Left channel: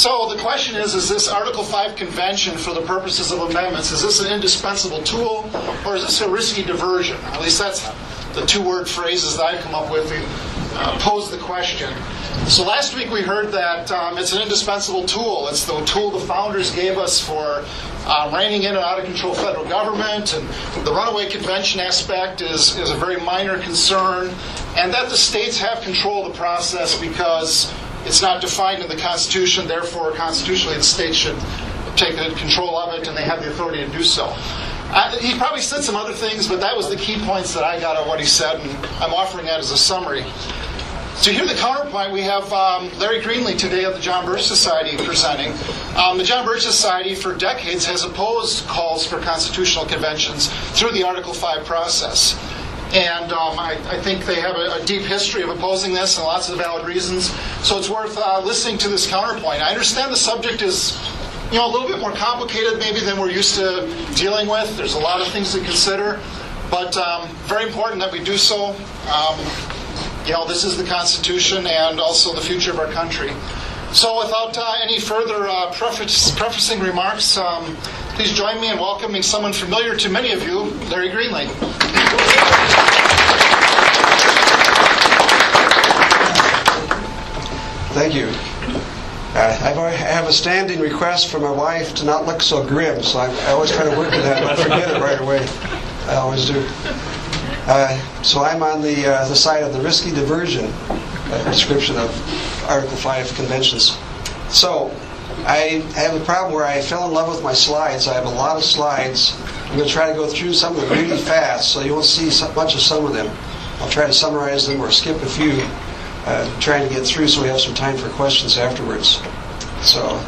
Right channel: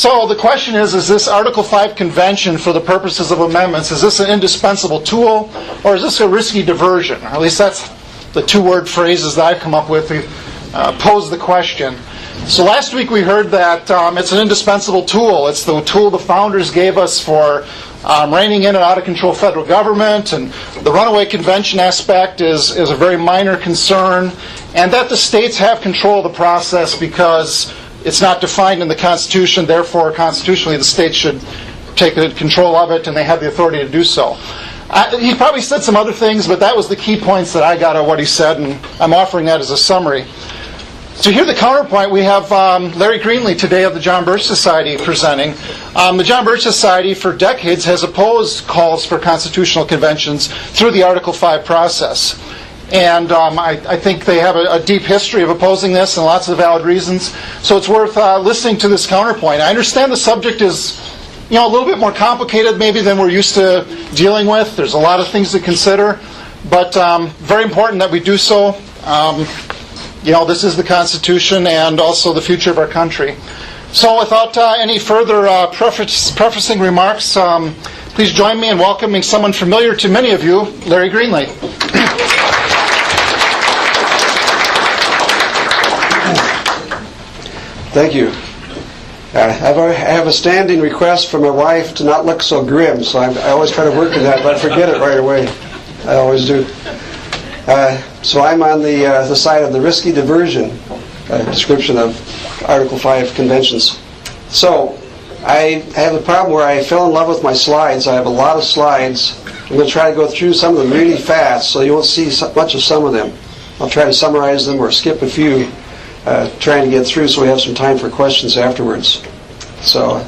So the question is this Article 5 convention for the purposes of amendments, is this an indispensable tool, or is this a risky diversion? Or at least that's the two-word phrases that I've come up with to pose the question. So last week we heard that it's an indispensable tool. It's the tool the founders gave us for reining in an out-of-control federal government, and the runaway convention aspect is a very minor concern, and that the states have control of the process because it's not defined in the Constitution, therefore constitutionally the states should take control of it and they have the authority to do so. He probably said some other things, but that was the key points that I got out of what he said, and I'm offering that as a summary. To hear the counterpoint, we have Larry Greenley today of the John Birch Society presenting. The John Birch Society for decades has opposed calls for constitutional conventions through the Article 5 process. And I think they have a deep history of opposing this and lots of valid reasons. So it's worth listening to this counterpoint. I understand the subject is a little bit more complicated maybe than we're used to dealing with. There's a lot of things to consider, but very important that we do so. This is the Constitution and also the future of our country. So without any further prefacing remarks, please join me in welcoming someone familiar to many of you, Larry Greenley. Thank you. I have a standing request from my wife to not look so grim, so I always try to work on that, but I forget it right away. I always do. So I'm on the side of the risky diversion description of Article 5 conventions. So I have a problem where I fell in love with my slides. I have a lot of slides. I'm going to try to go through some of them really fast, so you won't see much of some of them. I'll try to summarize them or skip a few, trying to get through so we have some time for questions afterwards. So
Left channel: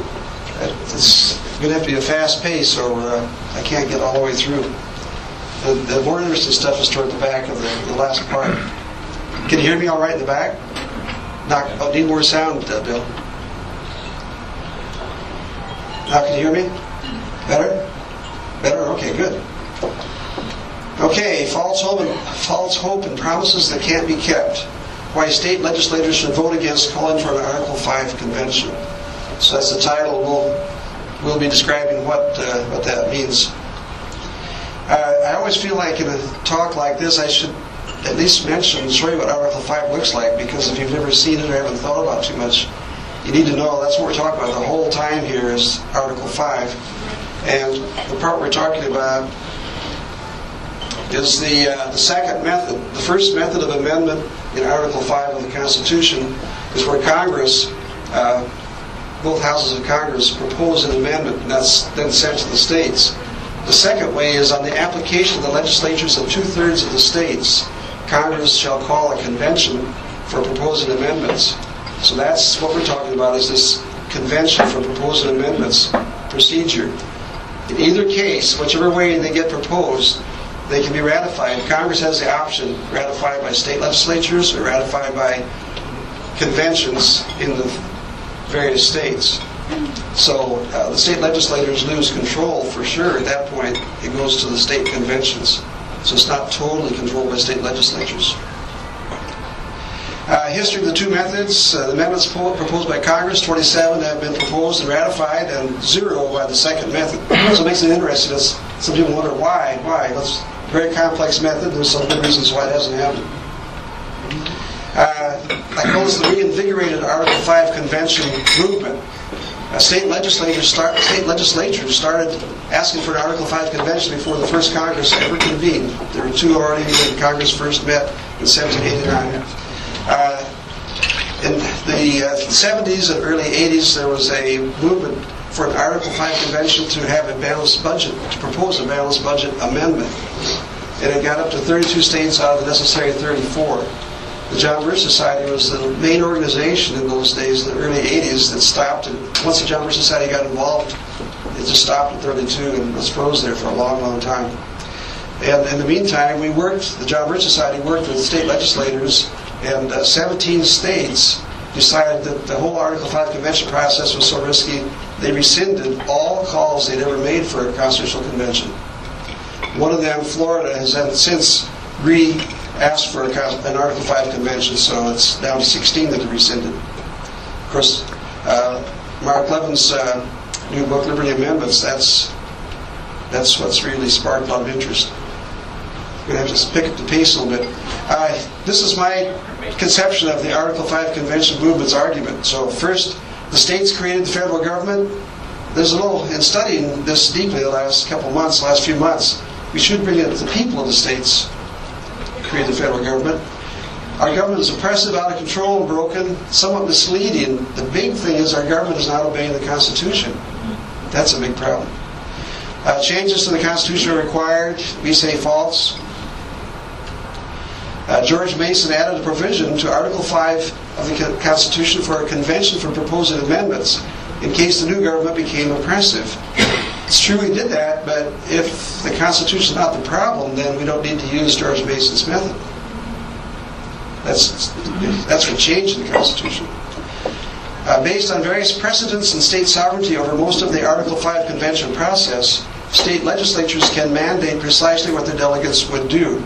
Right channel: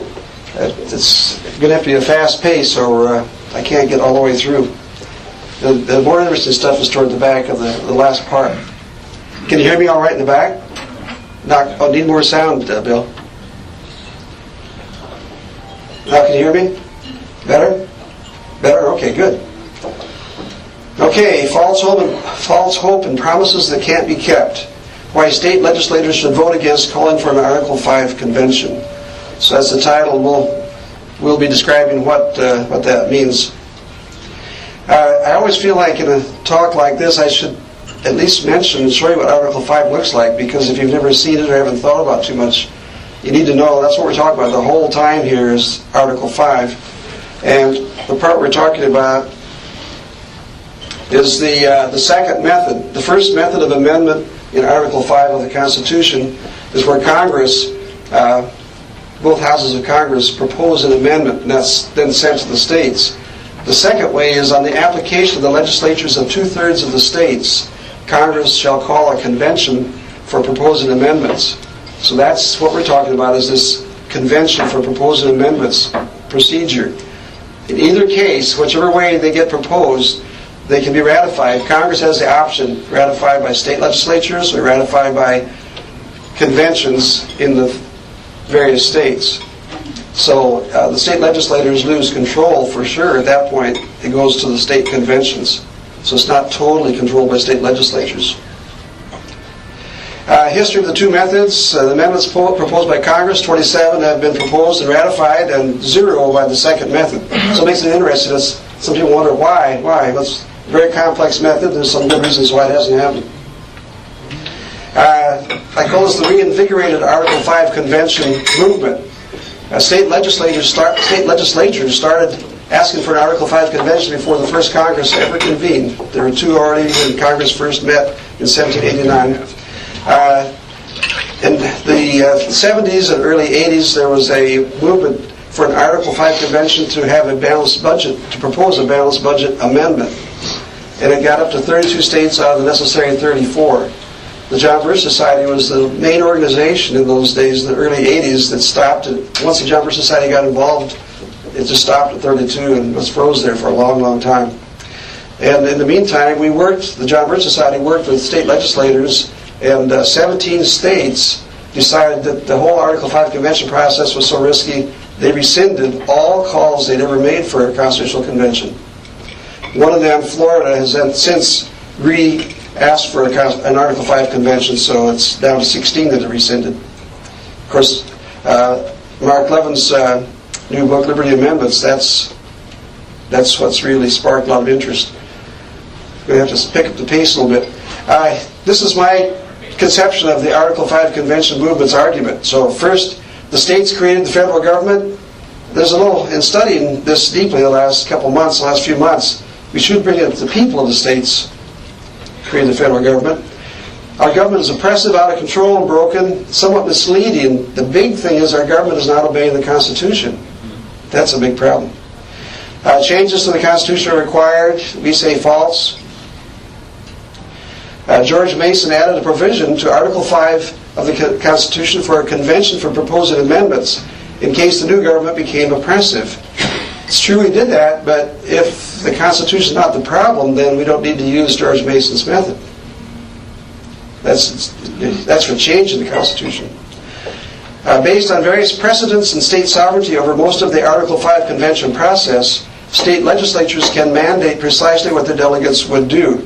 it's going to have to be a fast pace, or I can't get all the way through. The more interesting stuff is toward the back of the last part. Can you hear me all right in the back? Need more sound, Bill. Now can you hear me? Better? Better? Okay, good. Okay, false hope and promises that can't be kept. Why state legislators should vote against calling for an Article 5 convention. So that's the title. We'll be describing what that means. I always feel like in a talk like this I should at least mention and show you what Article 5 looks like, because if you've never seen it or haven't thought about it too much, you need to know that's what we're talking about. The whole time here is Article 5. And the part we're talking about is the second method. The first method of amendment in Article 5 of the Constitution is where Congress, both houses of Congress, propose an amendment, and that's then sent to the states. The second way is on the application of the legislatures of 2/3 of the states, Congress shall call a convention for proposing amendments. So that's what we're talking about, is this convention for proposing amendments procedure. In either case, whichever way they get proposed, they can be ratified. Congress has the option, ratified by state legislatures or ratified by conventions in the various states. So the state legislators lose control for sure. At that point, it goes to the state conventions. So it's not totally controlled by state legislatures. History of the two methods. The amendments proposed by Congress, 27 have been proposed and ratified, and 0 by the second method. So it makes it interesting. Some people wonder why. It's a very complex method. There's some good reasons why it hasn't happened. I call this the reinvigorated Article 5 convention movement. State legislatures started asking for an Article 5 convention before the first Congress ever convened. There were 2 already when Congress first met in 1789. In the 70s and early 80s, there was a movement for an Article 5 convention to have a balanced budget, to propose a balanced budget amendment. And it got up to 32 states out of the necessary 34. The John Birch Society was the main organization in those days, in the early 80s, that stopped it. Once the John Birch Society got involved, it just stopped at 32 and was froze there for a long, long time. And in the meantime, the John Birch Society worked with state legislators, and 17 states decided that the whole Article 5 convention process was so risky, they rescinded all calls they'd ever made for a constitutional convention. One of them, Florida, has since asked for an Article 5 convention, so it's down to 16 that are rescinded. Of course, Mark Levin's new book, Liberty Amendments, that's what's really sparked a lot of interest. We're going to have to pick up the pace a little bit. This is my conception of the Article 5 Convention movement's argument. So first, the states created the federal government. There's a little, in studying this deeply the last few months, we should bring it to the people of the states created the federal government. Our government is oppressive, out of control, and broken, somewhat misleading. The big thing is our government is not obeying the Constitution. That's a big problem. Changes to the Constitution are required. We say false. George Mason added a provision to Article 5 of the Constitution for a convention for proposing amendments in case the new government became oppressive. It's true we did that, but if the Constitution is not the problem, then we don't need to use George Mason's method. That's for change in the Constitution. Based on various precedents and state sovereignty over most of the Article 5 convention process, state legislatures can mandate precisely what their delegates would do.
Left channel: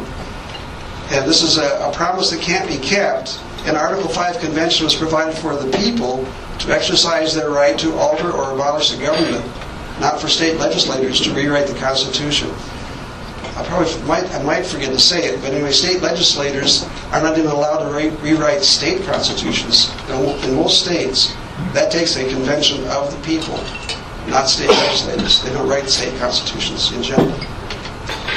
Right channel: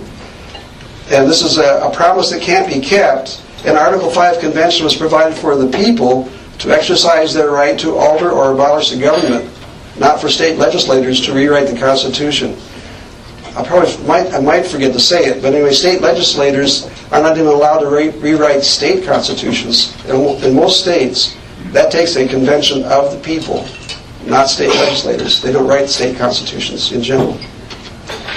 And this is a promise that can't be kept. An Article 5 convention was provided for the people to exercise their right to alter or abolish the government, not for state legislators to rewrite the Constitution. I might forget to say it, but anyway, state legislators are not even allowed to rewrite state constitutions. In most states, that takes a convention of the people, not state legislators. They don't write state constitutions in general.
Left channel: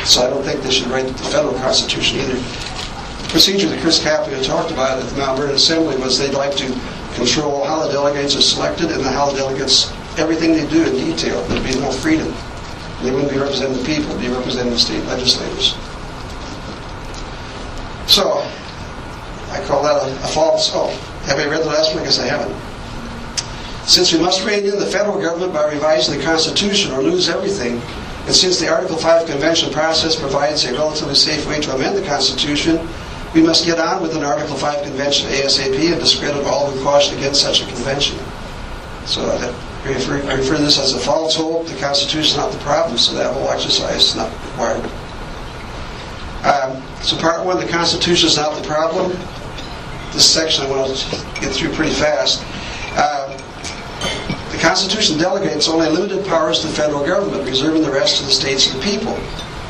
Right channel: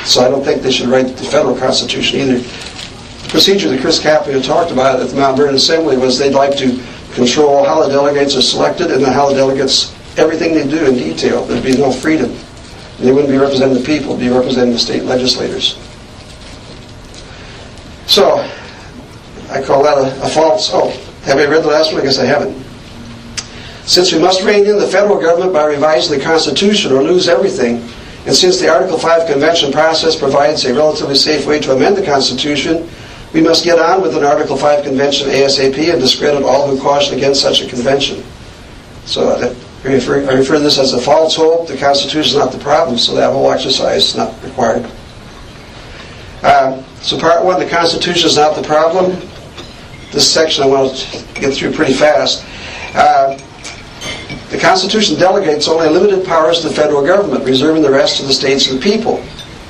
So I don't think they should write the federal constitution either. The procedure that Chris Kaplan talked about at the Mount Vernon Assembly was they'd like to control how the delegates are selected and how the delegates, everything they do in detail. There'd be no freedom. They wouldn't be representing the people, they'd be representing the state legislators. So, I call that a false... Oh, have I read the last one? I guess I haven't. Since we must rein in the federal government by revising the Constitution or lose everything, and since the Article 5 Convention process provides a relatively safe way to amend the Constitution, we must get on with an Article 5 Convention ASAP and discredit all who caution against such a convention. So I refer to this as a false hope. The Constitution is not the problem, so that whole exercise is not required. So part one, the Constitution is not the problem. This section I want to get through pretty fast. The Constitution delegates only limited powers to the federal government, reserving the rest to the states and the people.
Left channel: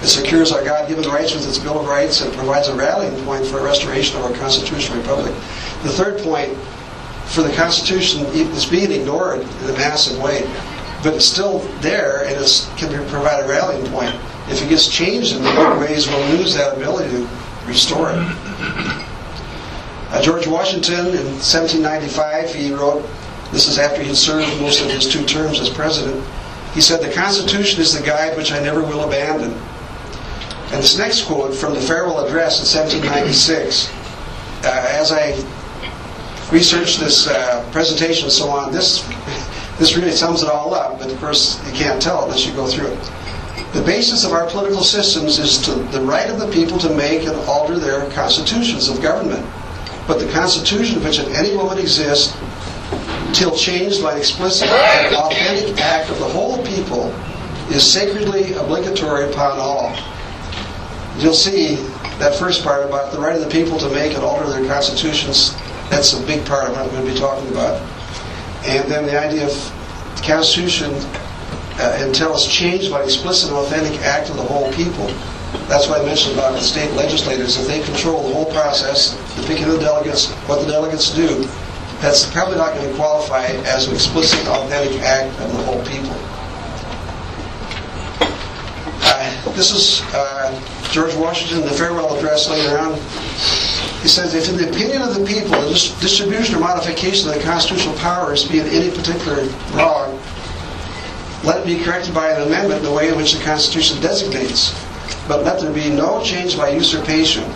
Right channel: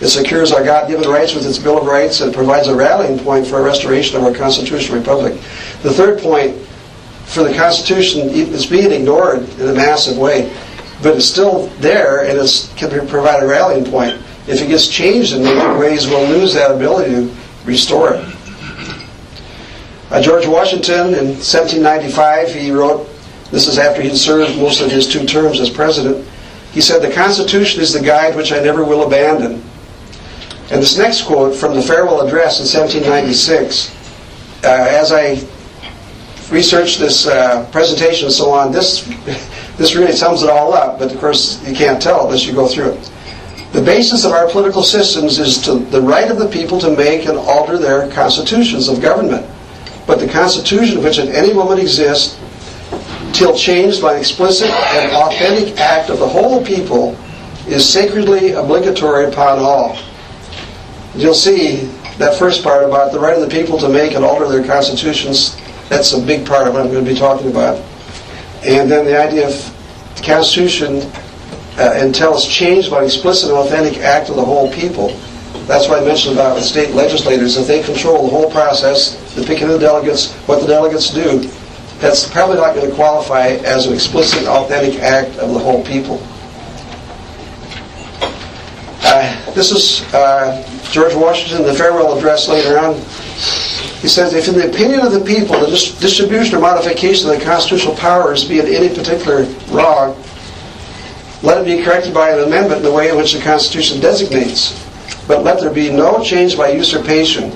It secures our God-given rights with its Bill of Rights and provides a rallying point for a restoration of our constitutional republic. The third point, for the Constitution, is being ignored in a massive way, but it's still there and it can provide a rallying point. If it gets changed in the ways, we'll lose that ability to restore it. George Washington, in 1795, he wrote, this is after he'd served most of his 2 terms as president, he said, "The Constitution is the guide which I never will abandon." And this next quote from the farewell address in 1796, as I researched this presentation and so on, this really sums it all up, but of course you can't tell unless you go through it. The basis of our political systems is the right of the people to make and alter their constitutions of government. But the Constitution of which at any moment exists, till changed by an explicit and authentic act of the whole people, is sacredly obligatory upon all. You'll see that first part about the right of the people to make and alter their constitutions. That's a big part of what I'm going to be talking about. And then the idea of the Constitution until it's changed by an explicit and authentic act of the whole people. That's what I mentioned about the state legislators. If they control the whole process, the picking of the delegates, what the delegates do, that's probably not going to qualify as an explicit, authentic act of the whole people. This is George Washington, the farewell address later on. He says, if in the opinion of the people the distribution or modification of the constitutional powers be in any particular wrong, let it be corrected by an amendment in the way in which the Constitution designates. But let there be no change by usurpation.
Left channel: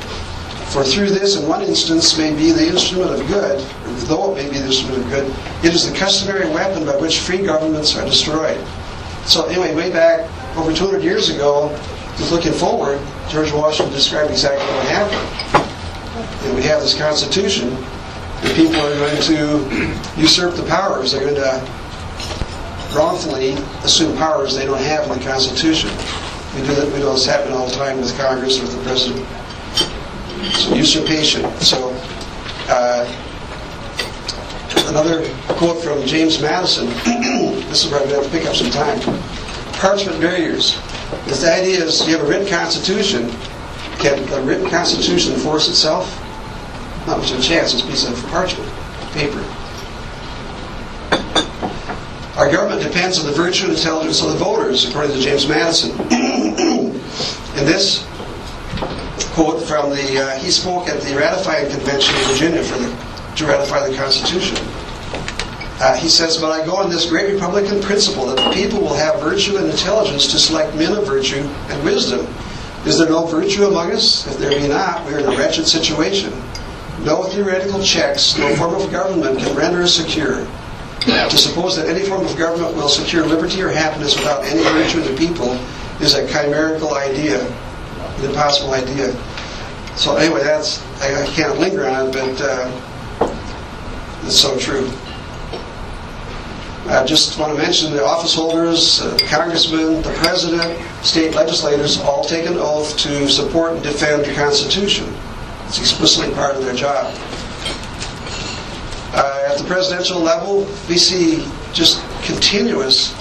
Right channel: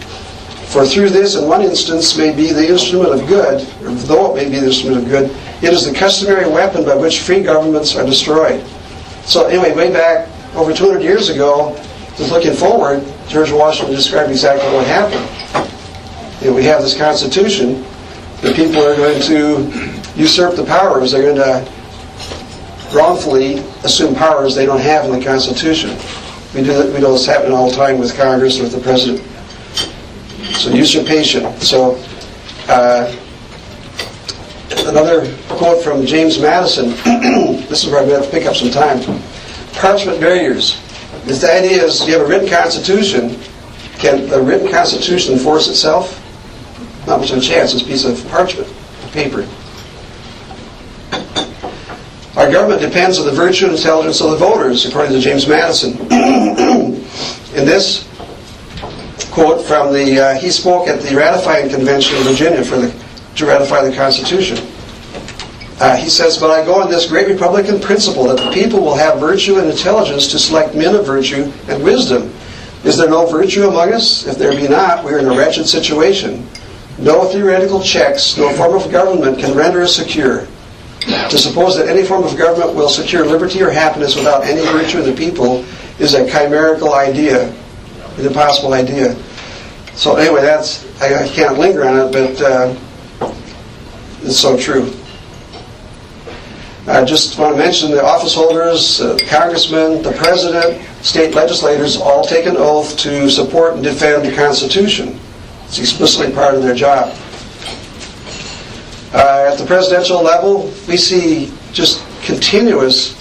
For through this, in one instance, may be the instrument of good, or though it may be the instrument of good, it is the customary weapon by which free governments are destroyed. So anyway, way back over 200 years ago, just looking forward, George Washington described exactly what happened. We have this Constitution. The people are going to usurp the powers. They're going to wrongfully assume powers they don't have in the Constitution. We know this happening all the time with Congress or with the President. So usurpation. So Another quote from James Madison. This is where I'm going to have to pick up some time. Parchment barriers. The idea is you have a written constitution. Can the written constitution enforce itself? Not much of a chance. It's a piece of parchment, paper. Our government depends on the virtue and intelligence of the voters, according to James Madison. In this quote from he spoke at the ratifying convention in Virginia to ratify the Constitution. He says, "But I go on this great Republican principle that the people will have virtue and intelligence to select men of virtue and wisdom. Is there no virtue among us? If there be not, we are in a wretched situation. No theoretical checks, no form of government can render us secure. To suppose that any form of government will secure liberty or happiness without any virtue in the people is a chimerical idea, an impossible idea." So anyway, I can't linger on it, but it's so true. I just want to mention the office holders, congressmen, the president, state legislators all take an oath to support and defend the Constitution. It's explicitly part of their job. At the presidential level, we see just continuous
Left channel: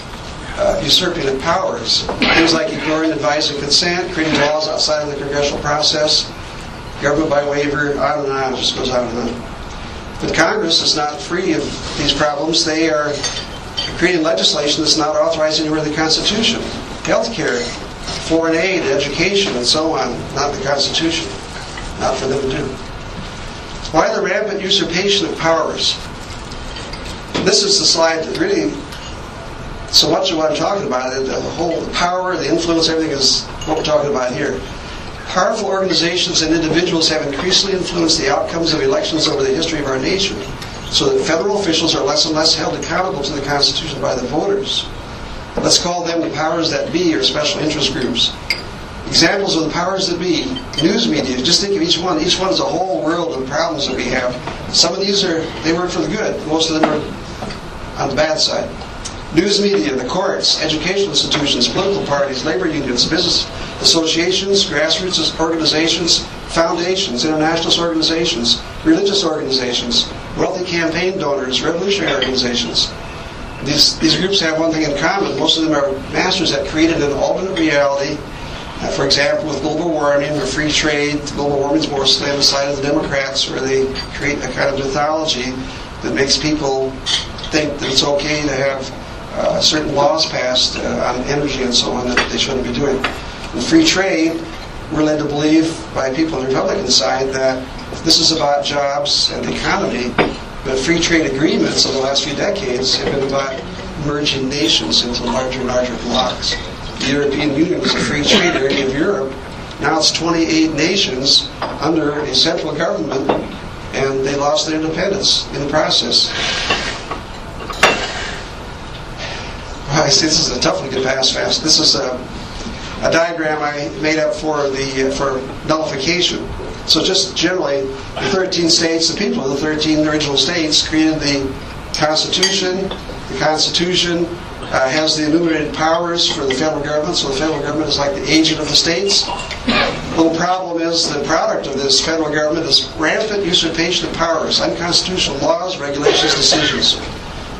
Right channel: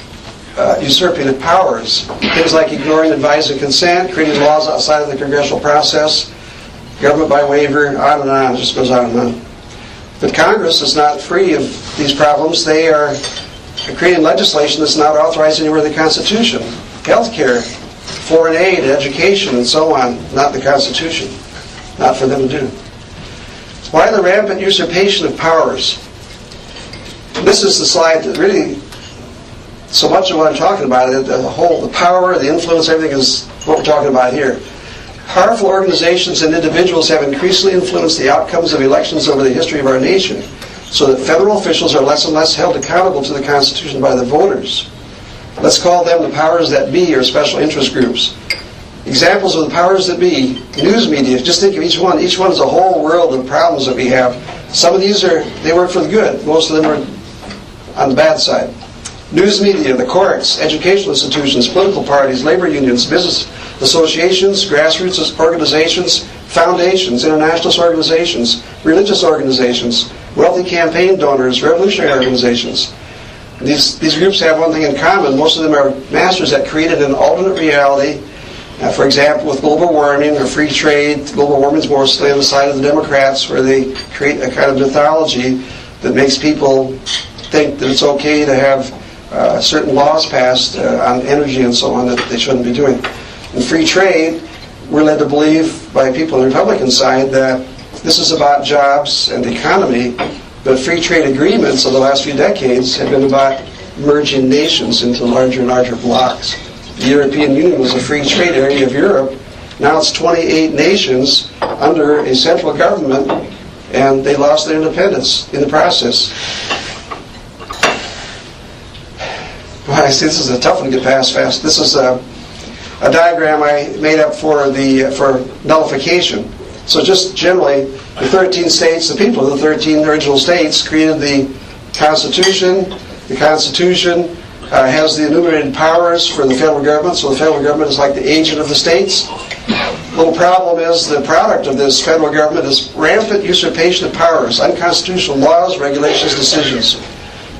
usurping of powers. Things like ignoring advice and consent, creating laws outside of the congressional process, government by waiver, on and on. It just goes on and on. But Congress is not free of these problems. They are creating legislation that's not authorized anywhere in the Constitution. Healthcare, foreign aid, education, and so on, not in the Constitution. Not for them to do. Why the rampant usurpation of powers? This is the slide that really, so much of what I'm talking about, the power, the influence, everything is what we're talking about here. Powerful organizations and individuals have increasingly influenced the outcomes of elections over the history of our nation, so that federal officials are less and less held accountable to the Constitution by the voters. Let's call them the powers that be, or special interest groups. Examples of the powers that be: news media. Just think of each one. Each one is a whole world of problems that we have. Some of these they work for the good. Most of them are on the bad side. News media, the courts, educational institutions, political parties, labor unions, business associations, grassroots organizations, foundations, internationalist organizations, religious organizations, wealthy campaign donors, revolutionary organizations. These groups have one thing in common. Most of them are masters at creating an alternate reality. For example, with global warming or free trade, global warming is mostly on the side of the Democrats, where they create a kind of mythology that makes people think that it's okay to have certain laws passed on energy and so on that they shouldn't be doing. In free trade, we're led to believe by people on the Republican side that this is about jobs and the economy, but free trade agreements of the last few decades have been about merging nations into larger and larger blocs. The European Union was a free trade area of Europe. Now it's 28 nations under a central government, and they lost their independence in the process. Well, I see this is a tough one to get past fast. This is a diagram I made up for nullification. So just generally, the 13 states, the people of the 13 original states created the Constitution. The Constitution has the enumerated powers for the federal government, so the federal government is like the agent of the states. The little problem is the product of this federal government is rampant usurpation of powers, unconstitutional laws, regulations, decisions.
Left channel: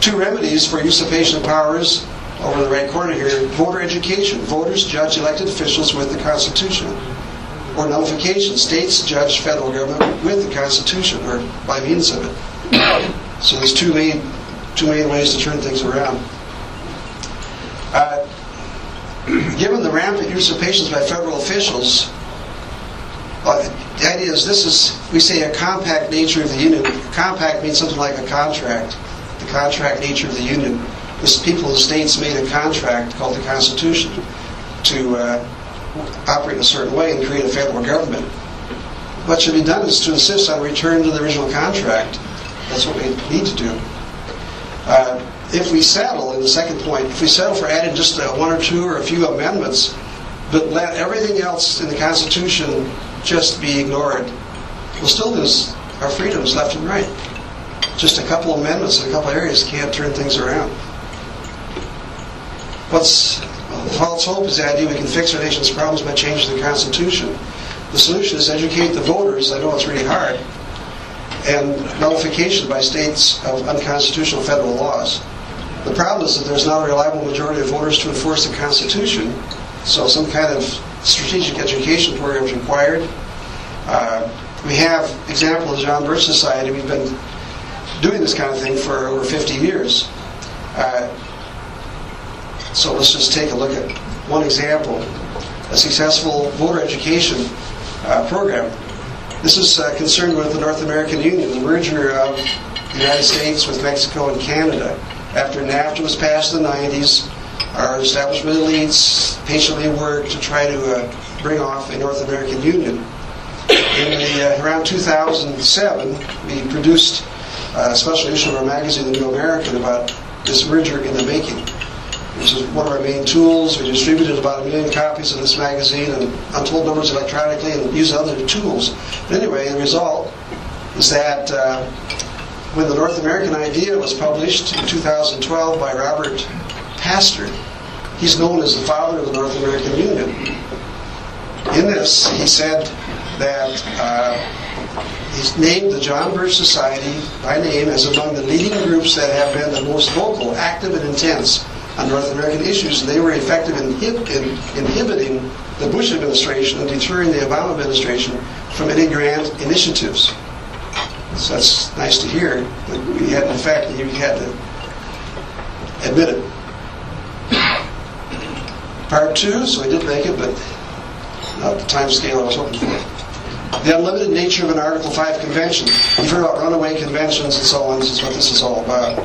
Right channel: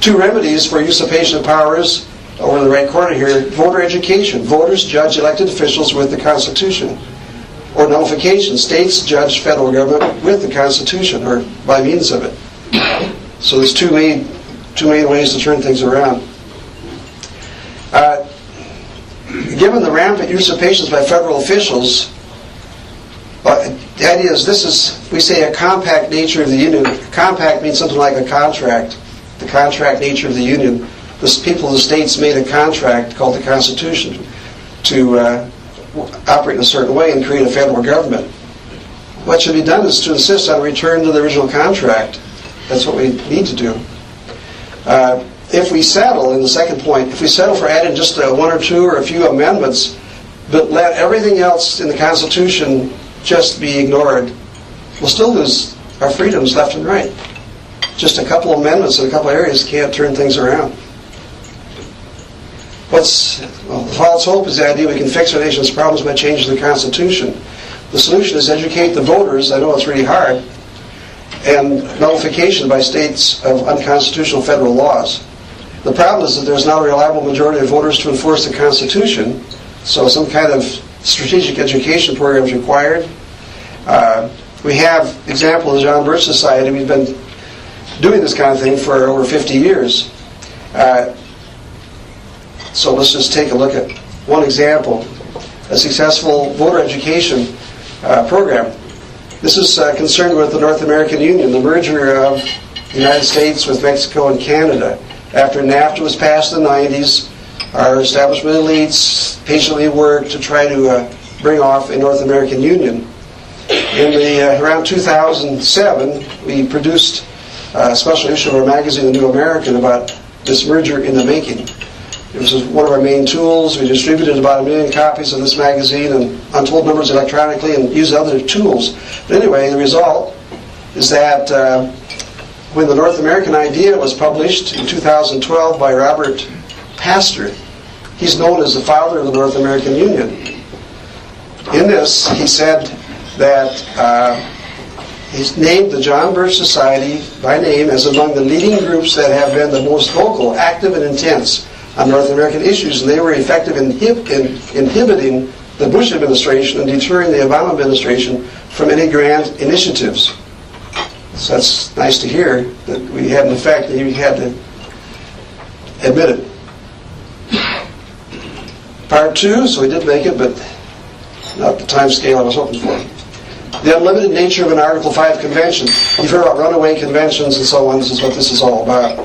Two remedies for usurpation of powers, over in the right corner here: voter education. Voters judge elected officials with the Constitution. Or nullification. States judge federal government with the Constitution, or by means of it. So there's two main ways to turn things around. Given the rampant usurpations by federal officials, the idea is we say a compact nature of the Union. Compact means something like a contract. The contract nature of the Union. The people of the states made a contract called the Constitution to operate in a certain way and create a federal government. What should be done is to insist on a return to the original contract. That's what we need to do. If we settle, in the second point, if we settle for adding just one or two or a few amendments, but let everything else in the Constitution just be ignored, we'll still lose our freedoms left and right. Just a couple amendments in a couple areas can't turn things around. The false hope is the idea we can fix our nation's problems by changing the Constitution. The solution is educate the voters. I know it's really hard. and nullification by states of unconstitutional federal laws. The problem is that there's not a reliable majority of voters to enforce the Constitution, so some kind of strategic education program is required. We have example of the John Birch Society. We've been doing this kind of thing for over 50 years. So let's just take a look at one example, a successful voter education program. This is concerned with the North American Union, the merger of the United States with Mexico and Canada. After NAFTA was passed in the 90s, our establishment elites patiently worked to try to bring off a North American Union. Around 2007, we produced a special issue of our magazine, The New American, about this merger in the making. This was one of our main tools. We distributed about 1 million copies of this magazine and untold numbers electronically and used other tools. But anyway, the result is that when the North American Idea was published in 2012 by Robert Pastor, he's known as the founder of the North American Union. In this, he said that he's named the John Birch Society by name as among the leading groups that have been the most vocal, active, and intense on North American issues, and they were effective in inhibiting the Bush administration and deterring the Obama administration from any grand initiatives. So that's nice to hear that we had an effect, and he had to admit it. Part 2, so we did make it, but not the time scale I was hoping for. The unlimited nature of an Article 5 convention. You've heard about runaway conventions and so on. This is what this is all about.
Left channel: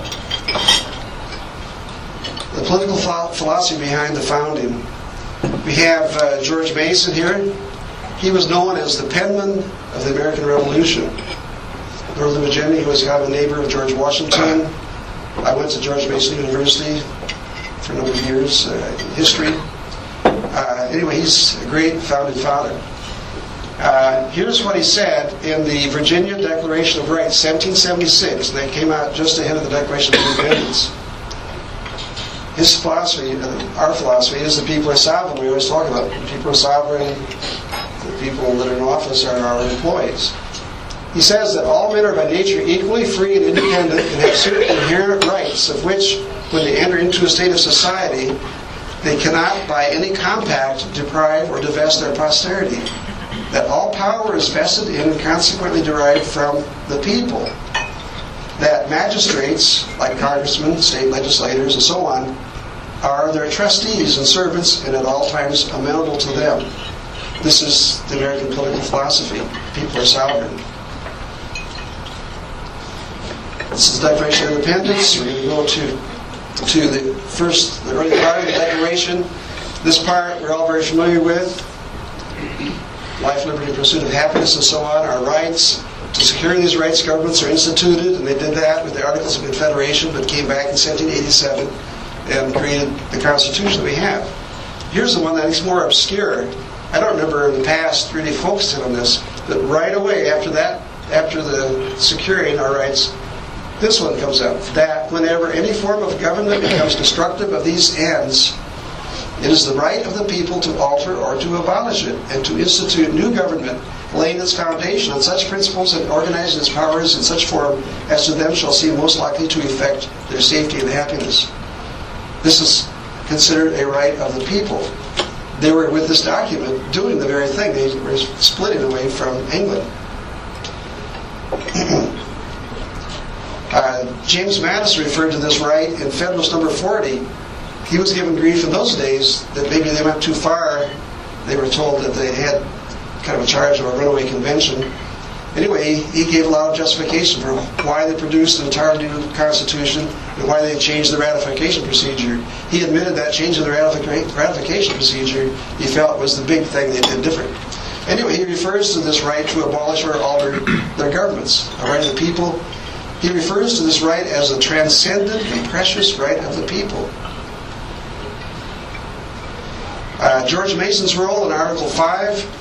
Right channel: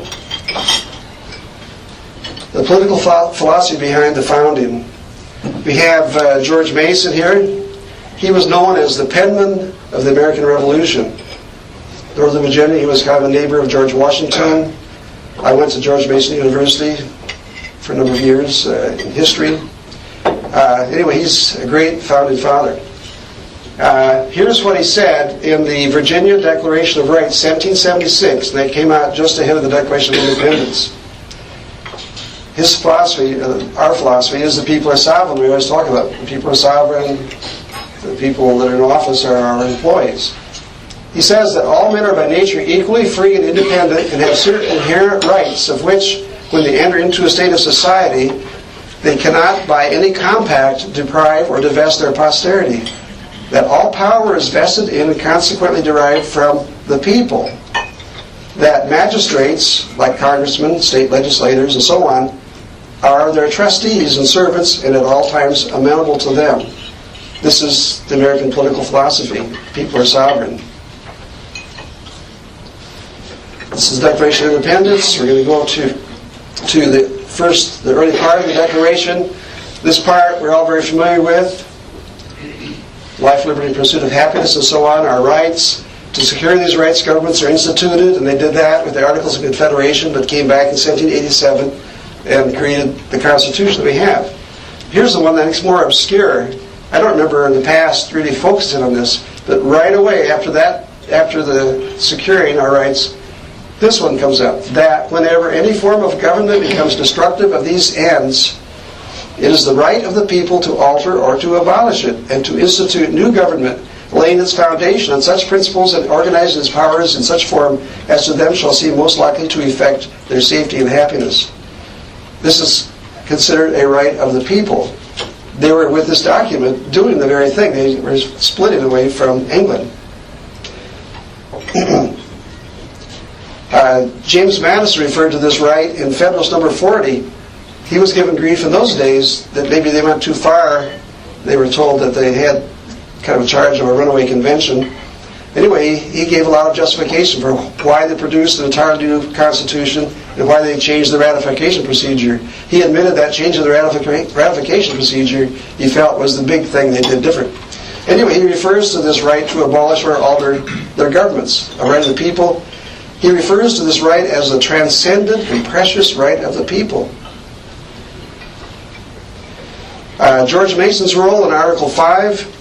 The political philosophy behind the founding. We have George Mason here. He was known as the penman of the American Revolution. Northern Virginia, he was kind of a neighbor of George Washington. I went to George Mason University for a number of years in history. Anyway, he's a great founding father. Here's what he said in the Virginia Declaration of Rights, 1776. They came out just ahead of the Declaration of Independence. His philosophy, our philosophy, is that people are sovereign. We always talk about it. The people are sovereign. The people that are in office are our employees. He says that all men are by nature equally free and independent and have certain inherent rights of which, when they enter into a state of society, they cannot by any compact deprive or divest their posterity. That all power is vested in and consequently derived from the people. That magistrates, like congressmen, state legislators, and so on, are their trustees and servants and at all times amenable to them. This is the American political philosophy. People are sovereign. This is the Declaration of Independence. We're going to go to the early part of the Declaration. This part we're all very familiar with. Life, liberty, and pursuit of happiness, and so on, our rights. To secure these rights, governments are instituted, and they did that with the Articles of Confederation, but came back in 1787 and created the Constitution that we have. Here's the one that's more obscure. I don't remember in the past really focusing on this, but right away after that, after the securing our rights, this one comes out. That whenever any form of government becomes destructive of these ends, it is the right of the people to alter or to abolish it, and to institute new government, laying its foundation on such principles and organizing its powers in such form as to them shall seem most likely to effect their safety and happiness. This is considered a right of the people. They were, with this document, doing the very thing. They were splitting away from England. James Madison referred to this right in Federalist number 40. He was given grief in those days that maybe they went too far. They were told that they had kind of a charge of a runaway convention. Anyway, he gave a lot of justification for why they produced an entirely new Constitution and why they changed the ratification procedure. He admitted that changing the ratification procedure he felt was the big thing they did different. Anyway, he refers to this right to abolish or alter their governments, a right of the people. He refers to this right as the transcendent and precious right of the people. George Mason's role in Article 5,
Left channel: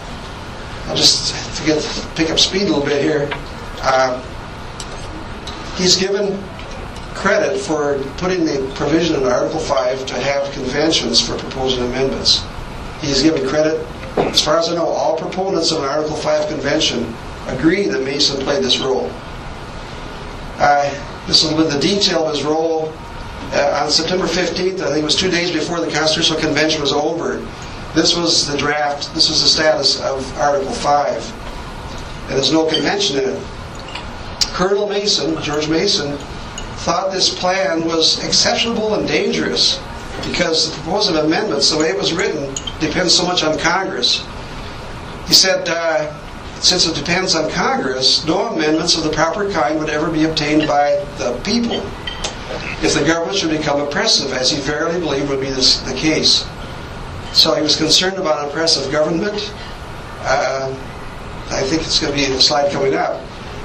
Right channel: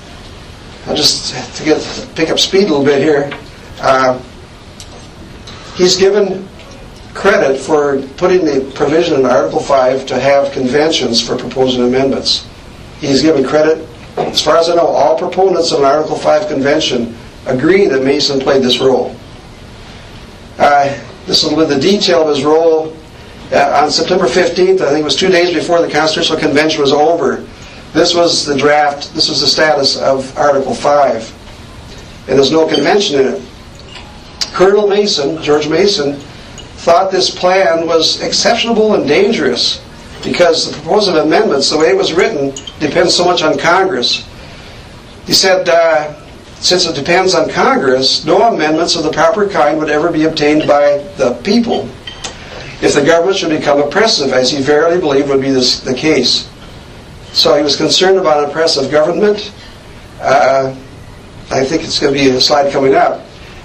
I'll just pick up speed a little bit here. He's given credit for putting the provision in Article 5 to have conventions for proposing amendments. He's given credit. As far as I know, all proponents of an Article 5 convention agree that Mason played this role. This is with the detail of his role. On September 15th, I think it was 2 days before the Constitutional Convention was over, this was the draft, this was the status of Article 5. And there's no convention in it. Colonel Mason, George Mason, thought this plan was exceptionable and dangerous because the proposed amendments, the way it was written, depends so much on Congress. He said, since it depends on Congress, no amendments of the proper kind would ever be obtained by the people if the government should become oppressive, as he verily believed would be the case. So he was concerned about an oppressive government. I think it's going to be in the slide coming up.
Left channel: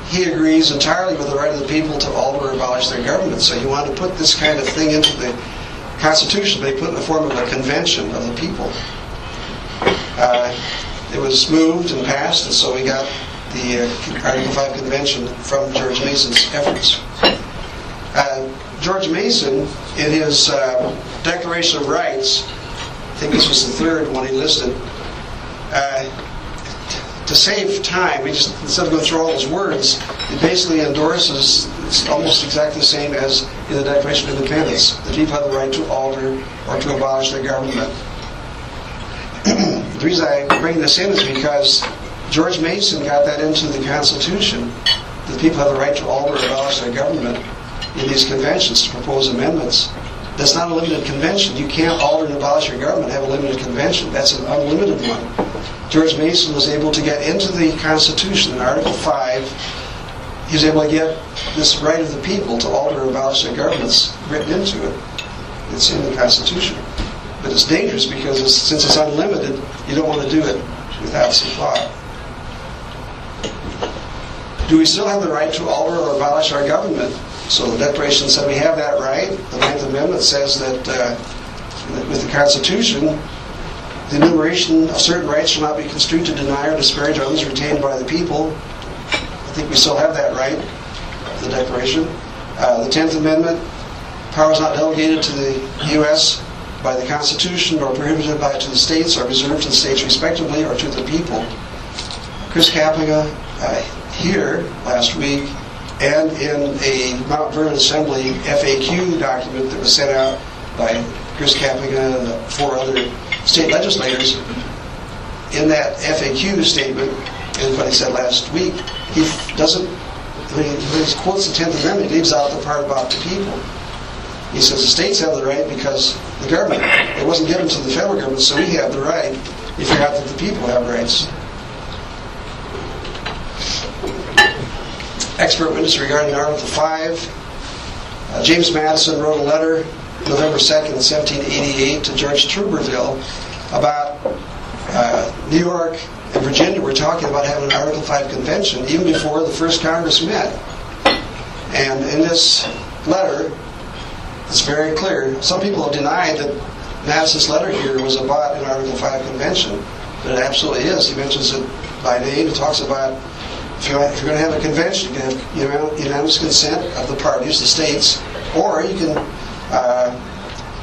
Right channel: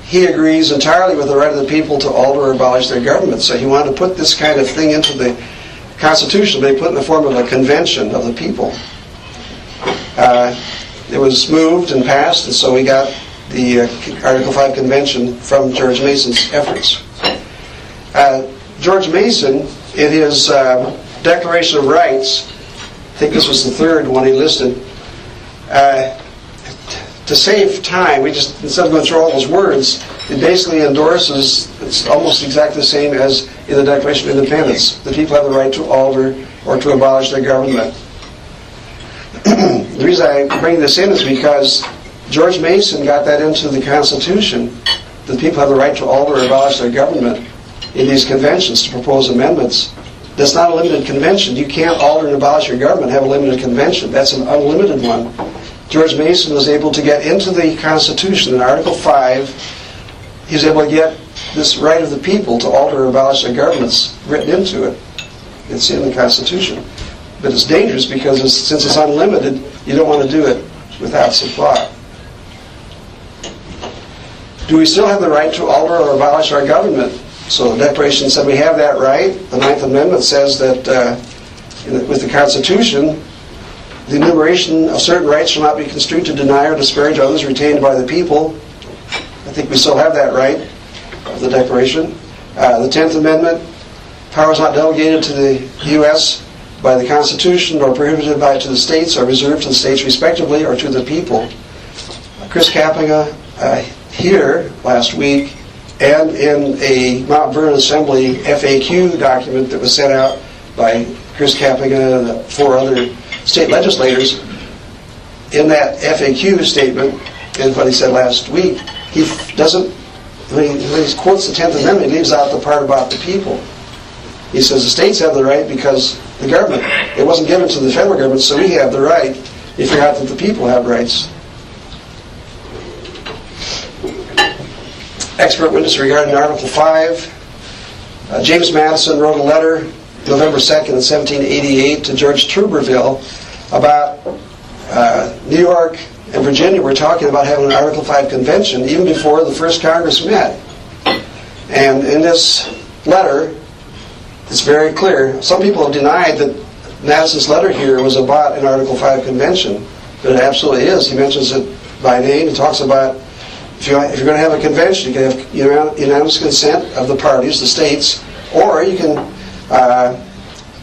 He agrees entirely with the right of the people to alter or abolish their government. So he wanted to put this kind of thing into the Constitution, but he put it in the form of a convention of the people. It was moved and passed, and so we got the Article 5 convention from George Mason's efforts. George Mason, in his Declaration of Rights, I think this was the third one he listed, to save time, we just, instead of going through all those words, it basically endorses, it's almost exactly the same as in the Declaration of Independence. The people have the right to alter or to abolish their government. The reason I bring this in is because George Mason got that into the Constitution, that people have the right to alter or abolish their government in these conventions to propose amendments. That's not a limited convention. You can't alter and abolish your government and have a limited convention. That's an unlimited one. George Mason was able to get into the Constitution in Article 5. He was able to get this right of the people to alter or abolish their governments written into it. It's in the Constitution. But it's dangerous because since it's unlimited, you don't want to do it without supply. Do we still have the right to alter or abolish our government? So the Declaration said we have that right. The Ninth Amendment says that with the Constitution, the enumeration of certain rights shall not be construed to deny or disparage others retained by the people. I think we still have that right of the Declaration. The 10th Amendment, powers not delegated to the U.S. by the Constitution nor prohibited to the states are reserved to the states respectively or to the people. Chris Kappinga here last week and in a Mount Vernon Assembly FAQ document that was sent out by Chris Kappinga and 4 other state legislators, in that FAQ statement and what he said last week, he doesn't, when he quotes the 10th Amendment, he leaves out the part about the people. He says the states have the right because the government, it wasn't given to the federal government, so we have the right. He forgot that the people have rights. Expert witness regarding Article 5. James Madison wrote a letter November 2nd, 1788 to George Tuberville about New York and Virginia were talking about having an Article 5 convention even before the first Congress met. And in this letter, it's very clear. Some people have denied that Madison's letter here was about an Article 5 convention, but it absolutely is. He mentions it by name. He talks about if you're going to have a convention, you can have unanimous consent of the parties, the states, or you can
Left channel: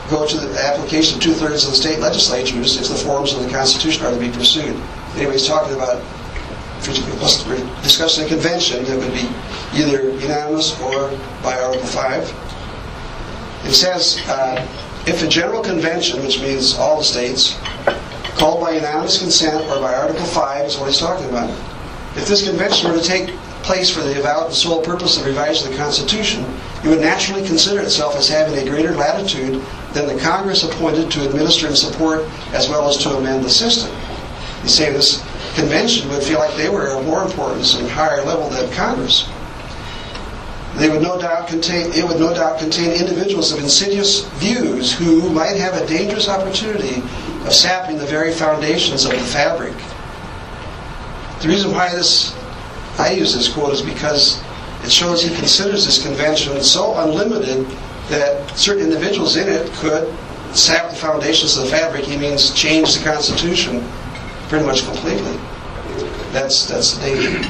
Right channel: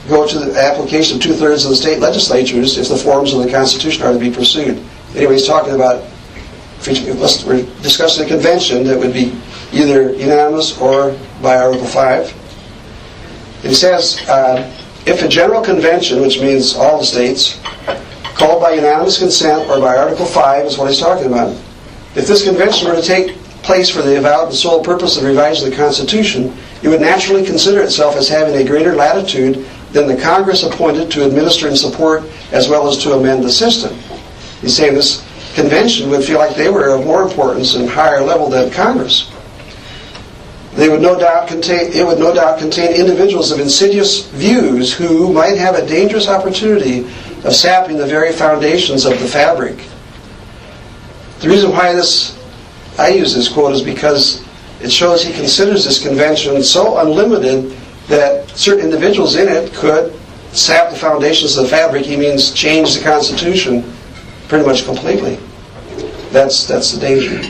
go to the application of 2/3 of the state legislatures if the forms of the Constitution are to be pursued. Anyway, he's talking about, we're discussing a convention that would be either unanimous or by Article 5. It says, if a general convention, which means all the states, called by unanimous consent or by Article 5 is what he's talking about. If this convention were to take place for the avowed and sole purpose of revising the Constitution, it would naturally consider itself as having a greater latitude than the Congress appointed to administer and support as well as to amend the system. He's saying this convention would feel like they were of more importance and higher level than Congress. It would no doubt contain individuals of insidious views who might have a dangerous opportunity of sapping the very foundations of the fabric. The reason why I use this quote is because it shows he considers this convention so unlimited that certain individuals in it could sap the foundations of the fabric. He means change the Constitution pretty much completely. That's the danger.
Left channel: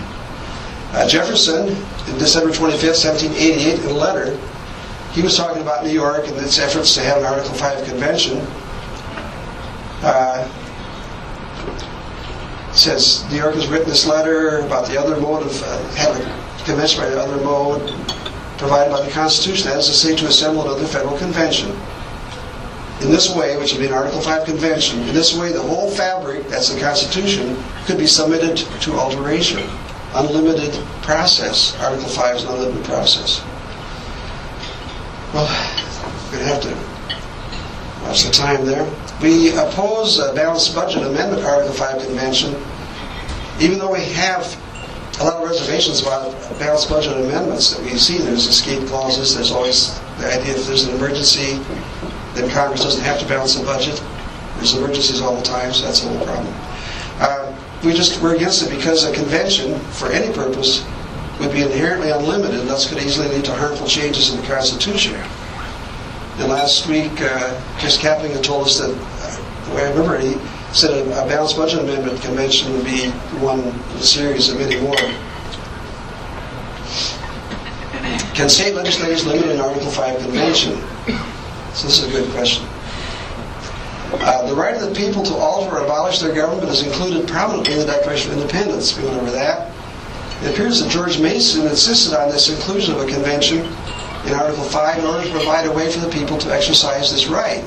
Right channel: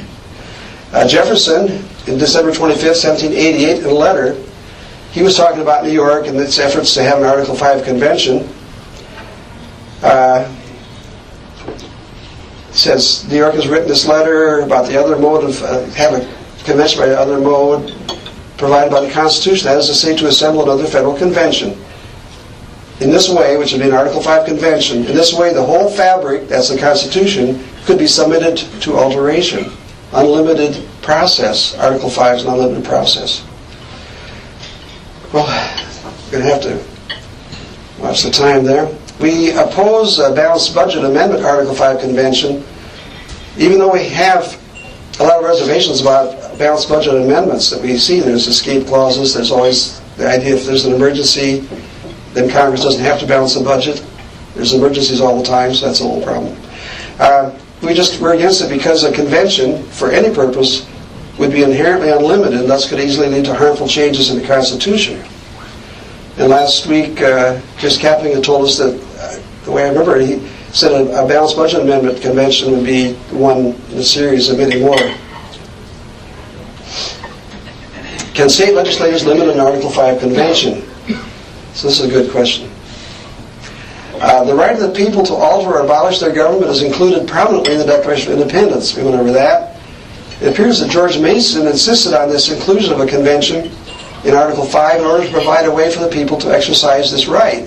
Jefferson, in December 25th, 1788, in a letter, he was talking about New York and its efforts to have an Article 5 convention. Says New York has written this letter about the other mode of have a convention by the other mode. provided by the Constitution, that is to say, to assemble another federal convention. In this way, which would be an Article 5 convention, in this way the whole fabric, that's the Constitution, could be submitted to alteration. Unlimited process. Article 5 is an unlimited process. Well, we're going to have to watch the time there. We oppose a balanced budget amendment Article 5 convention, even though we have a lot of reservations about balanced budget amendments that we see. There's escape clauses. There's always the idea if there's an emergency, then Congress doesn't have to balance the budget. There's emergencies all the time, so that's a whole problem. We're against it because a convention, for any purpose, would be inherently unlimited and thus could easily lead to harmful changes in the Constitution. And last week, Chris Kapping had told us that, the way I remember it, he said a balanced budget amendment convention would be one in a series of many more. Can state legislators limit an Article 5 convention? So this is a good question. The right of the people to alter or abolish their government is included prominently in the Declaration of Independence. We went over that. It appears that George Mason insisted on this inclusion of a convention in Article 5 in order to provide a way for the people to exercise this right.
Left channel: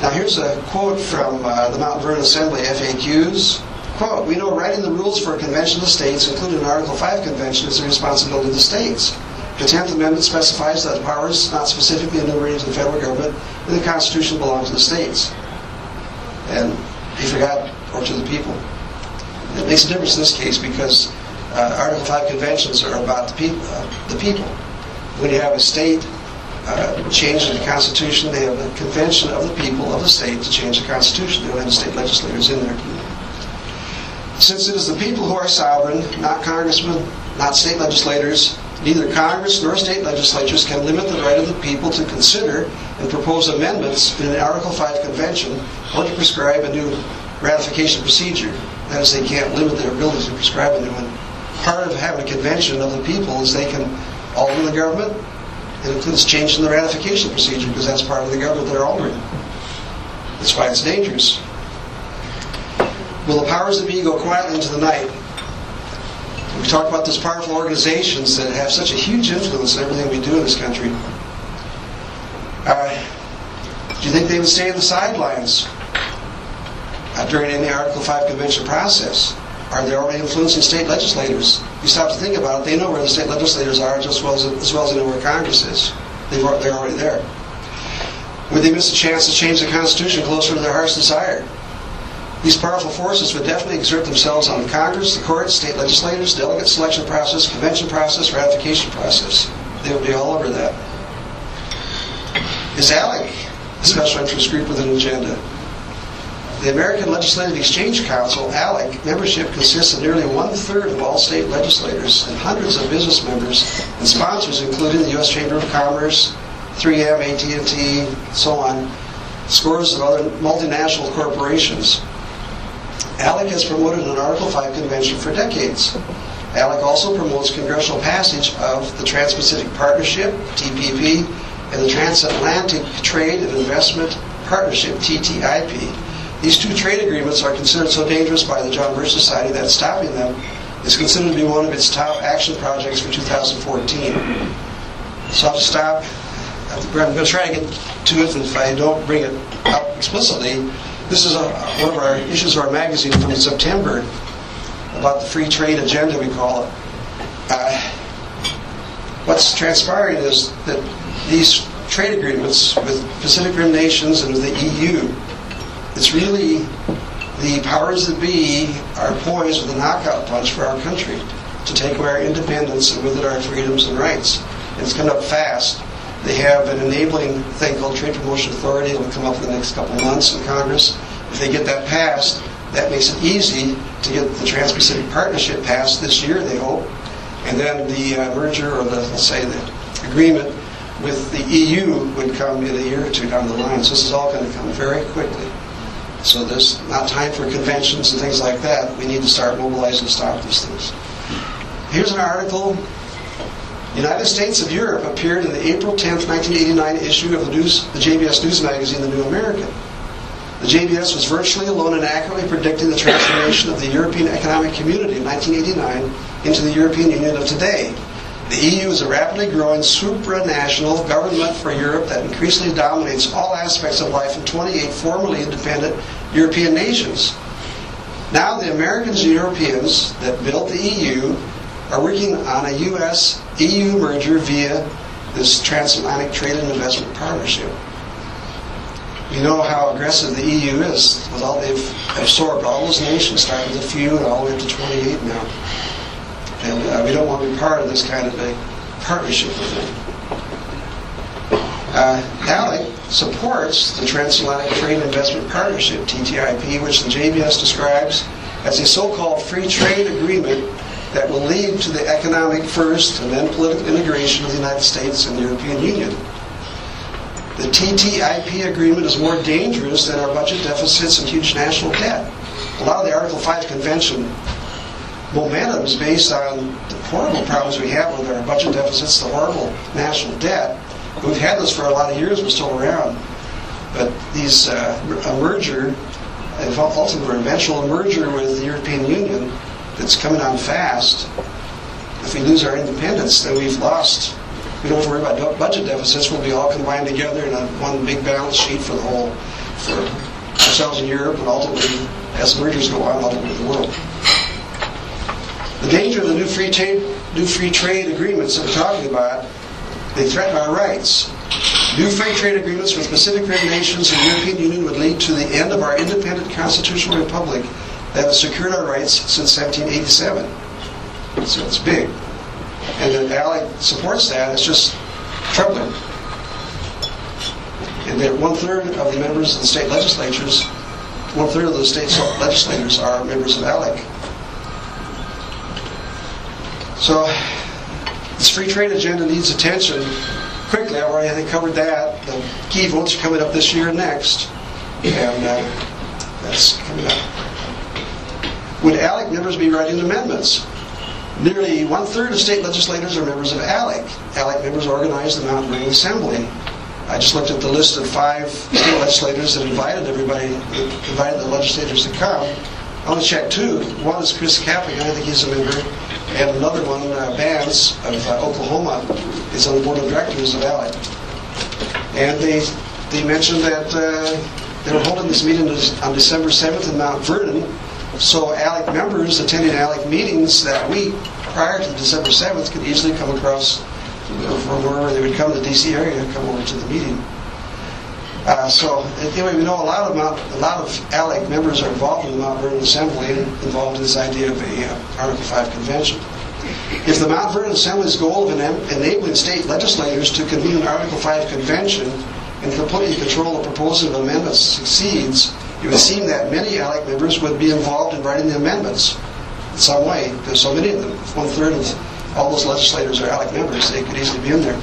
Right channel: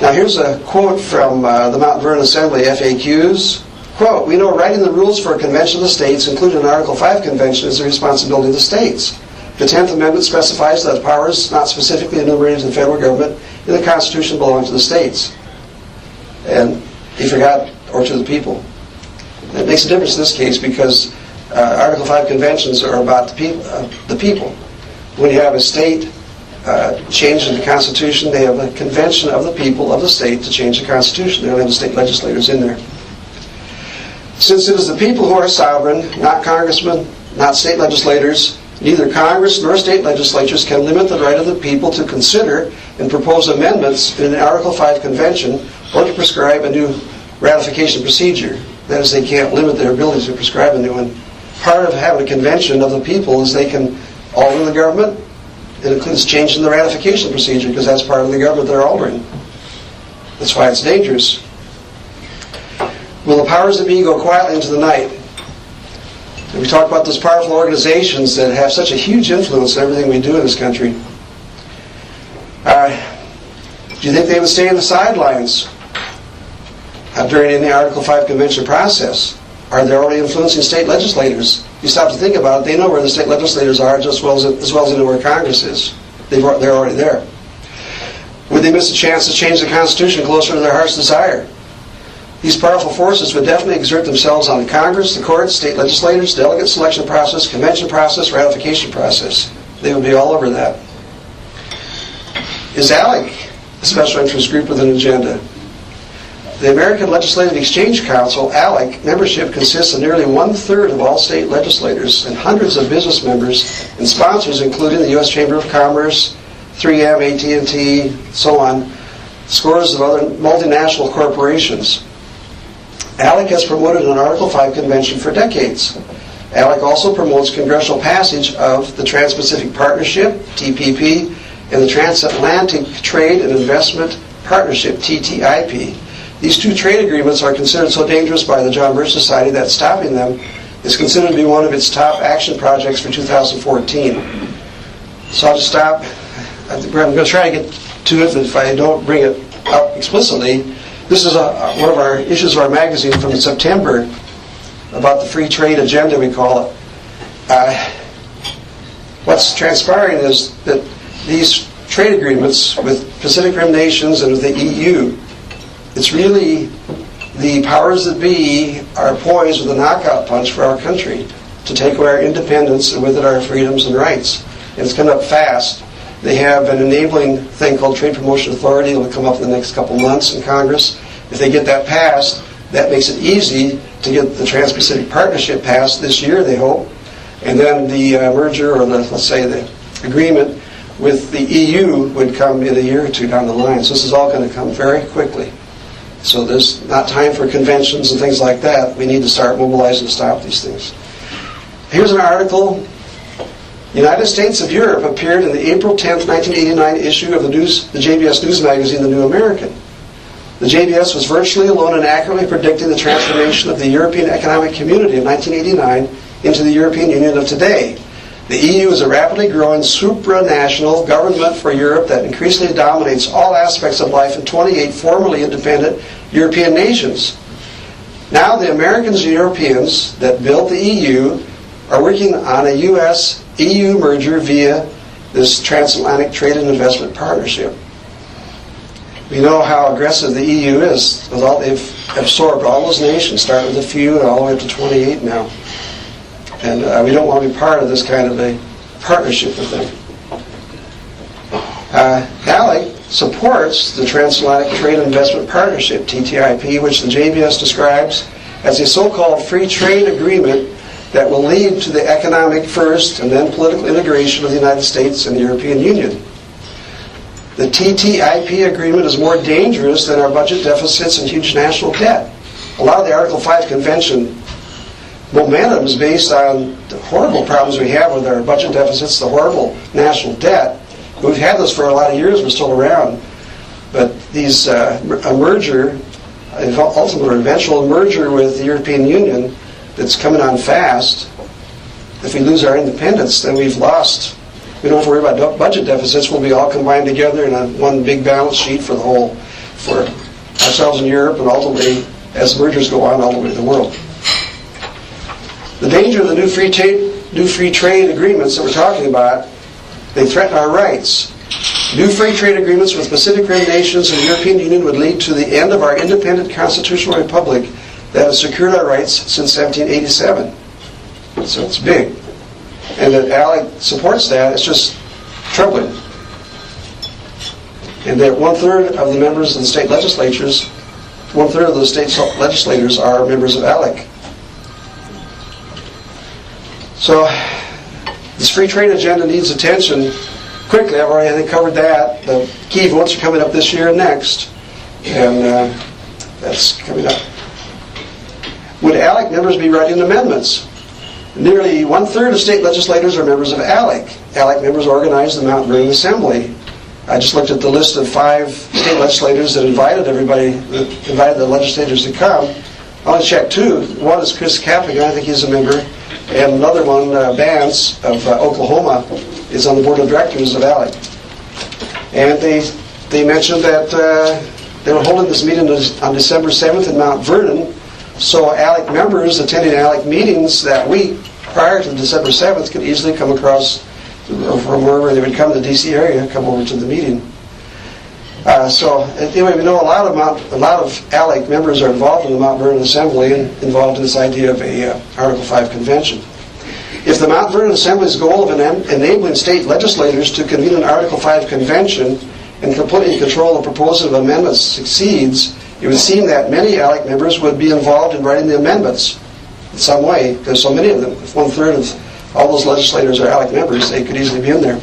Now here's a quote from the Mount Vernon Assembly FAQs. Quote, "We know writing the rules for a convention of the states, including an Article 5 convention, is the responsibility of the states. The 10th Amendment specifies that powers not specifically enumerated in the federal government in the Constitution belong to the states." And he forgot, or to the people. It makes a difference in this case because Article 5 conventions are about the people. When you have a state change the Constitution, they have a convention of the people of the state to change the Constitution. They don't have the state legislators in there. Since it is the people who are sovereign, not congressmen, not state legislators, neither Congress nor state legislatures can limit the right of the people to consider and propose amendments in an Article 5 convention or to prescribe a new ratification procedure. That is, they can't limit their ability to prescribe a new one. Part of having a convention of the people is they can alter the government. It includes changing the ratification procedure because that's part of the government they're altering. That's why it's dangerous. Will the powers that be go quietly into the night? And we talk about those powerful organizations that have such a huge influence on everything we do in this country. Do you think they would stay on the sidelines during any Article 5 convention process? Are they already influencing state legislators? You stop to think about it, they know where the state legislators are just as well as they know where Congress is. They're already there. Would they miss a chance to change the Constitution closer to their heart's desire? These powerful forces would definitely exert themselves on Congress, the courts, state legislators, delegate selection process, convention process, ratification process. They would be all over that. Is ALEC a special interest group with an agenda? The American Legislative Exchange Council, ALEC, membership consists of nearly 1/3 of all state legislators and hundreds of business members and sponsors, including the U.S. Chamber of Commerce, 3M, AT&T, so on, scores of other multinational corporations. ALEC has promoted an Article 5 convention for decades. ALEC also promotes congressional passage of the Trans-Pacific Partnership, TPP, and the Transatlantic Trade and Investment Partnership, TTIP. These two trade agreements are considered so dangerous by the John Birch Society that stopping them is considered to be one of its top action projects for 2014. So I'll just stop. I'm going to try to get to it, but if I don't bring it up explicitly, this is one of our issues of our magazine from September about the free trade agenda, we call it. What's transpiring is that these trade agreements with Pacific Rim nations and with the EU, it's really the powers that be are poised with a knockout punch for our country to take away our independence and with it our freedoms and rights. And it's coming up fast. They have an enabling thing called Trade Promotion Authority. It will come up in the next couple months in Congress. If they get that passed, that makes it easy to get the Trans-Pacific Partnership passed this year, they hope. And then the merger, or let's say the agreement with the EU would come in a year or two down the line. So this is all going to come very quickly. So there's not time for conventions and things like that. We need to start mobilizing to stop these things. Here's an article. United States of Europe appeared in the April 10th, 1989 issue of the JBS News magazine, The New American. The JBS was virtually alone in accurately predicting the transformation of the European Economic Community of 1989 into the European Union of today. The EU is a rapidly growing supranational government for Europe that increasingly dominates all aspects of life in 28 formerly independent European nations. Now the Americans and Europeans that built the EU are working on a US-EU merger via this transatlantic trade and investment partnership. We know how aggressive the EU is. They've absorbed all those nations, starting with a few and all the way up to 28 now. And we don't want to be part of this kind of a partnership with them. ALEC supports the Transatlantic Trade and Investment Partnership, TTIP, which the JBS describes as a so-called free trade agreement that will lead to the economic first and then political integration of the United States and the European Union. The TTIP agreement is more dangerous than our budget deficits and huge national debt. A lot of the Article 5 Convention momentum is based on the horrible problems we have with our budget deficits, the horrible national debt. We've had this for a lot of years, we're still around. But these a merger, ultimate or eventual merger with the European Union that's coming on fast, if we lose our independence, then we've lost. We don't have to worry about budget deficits. We'll be all combined together in one big balance sheet for ourselves in Europe, and ultimately, as mergers go on, ultimately the world. The danger of the new free trade agreements that we're talking about, they threaten our rights. New free trade agreements with Pacific Rim nations and the European Union would lead to the end of our independent constitutional republic that has secured our rights since 1787. So it's big. And that ALEC supports that, it's just troubling. And that 1/3 of the members of the state legislatures, 1/3 of the state legislators are members of ALEC. So this free trade agenda needs attention quickly. I've already, I think, covered that. The key votes are coming up this year and next. And that's coming up. Would ALEC members be writing amendments? Nearly 1/3 of state legislators are members of ALEC. ALEC members organize the Mount Vernon Assembly. I just looked at the list of 5 state legislators that invited the legislators to come. I want to check 2. One is Chris Kaplan, I think he's a member, and another one, Vance of Oklahoma, is on the board of directors of ALEC. And they mentioned that they were holding this meeting on December 7th in Mount Vernon. So ALEC members attending ALEC meetings that week prior to December 7th could easily come across from wherever they would come to the D.C. area, come over to the meeting. So anyway, we know a lot of ALEC members are involved in the Mount Vernon Assembly and involved in this idea of a Article 5 convention. If the Mount Vernon Assembly's goal of enabling state legislators to convene an Article 5 convention and completely control the proposal of amendments succeeds, it would seem that many ALEC members would be involved in writing the amendments in some way. There's so many of them. If 1/3 of all those legislators are ALEC members, they could easily be in there.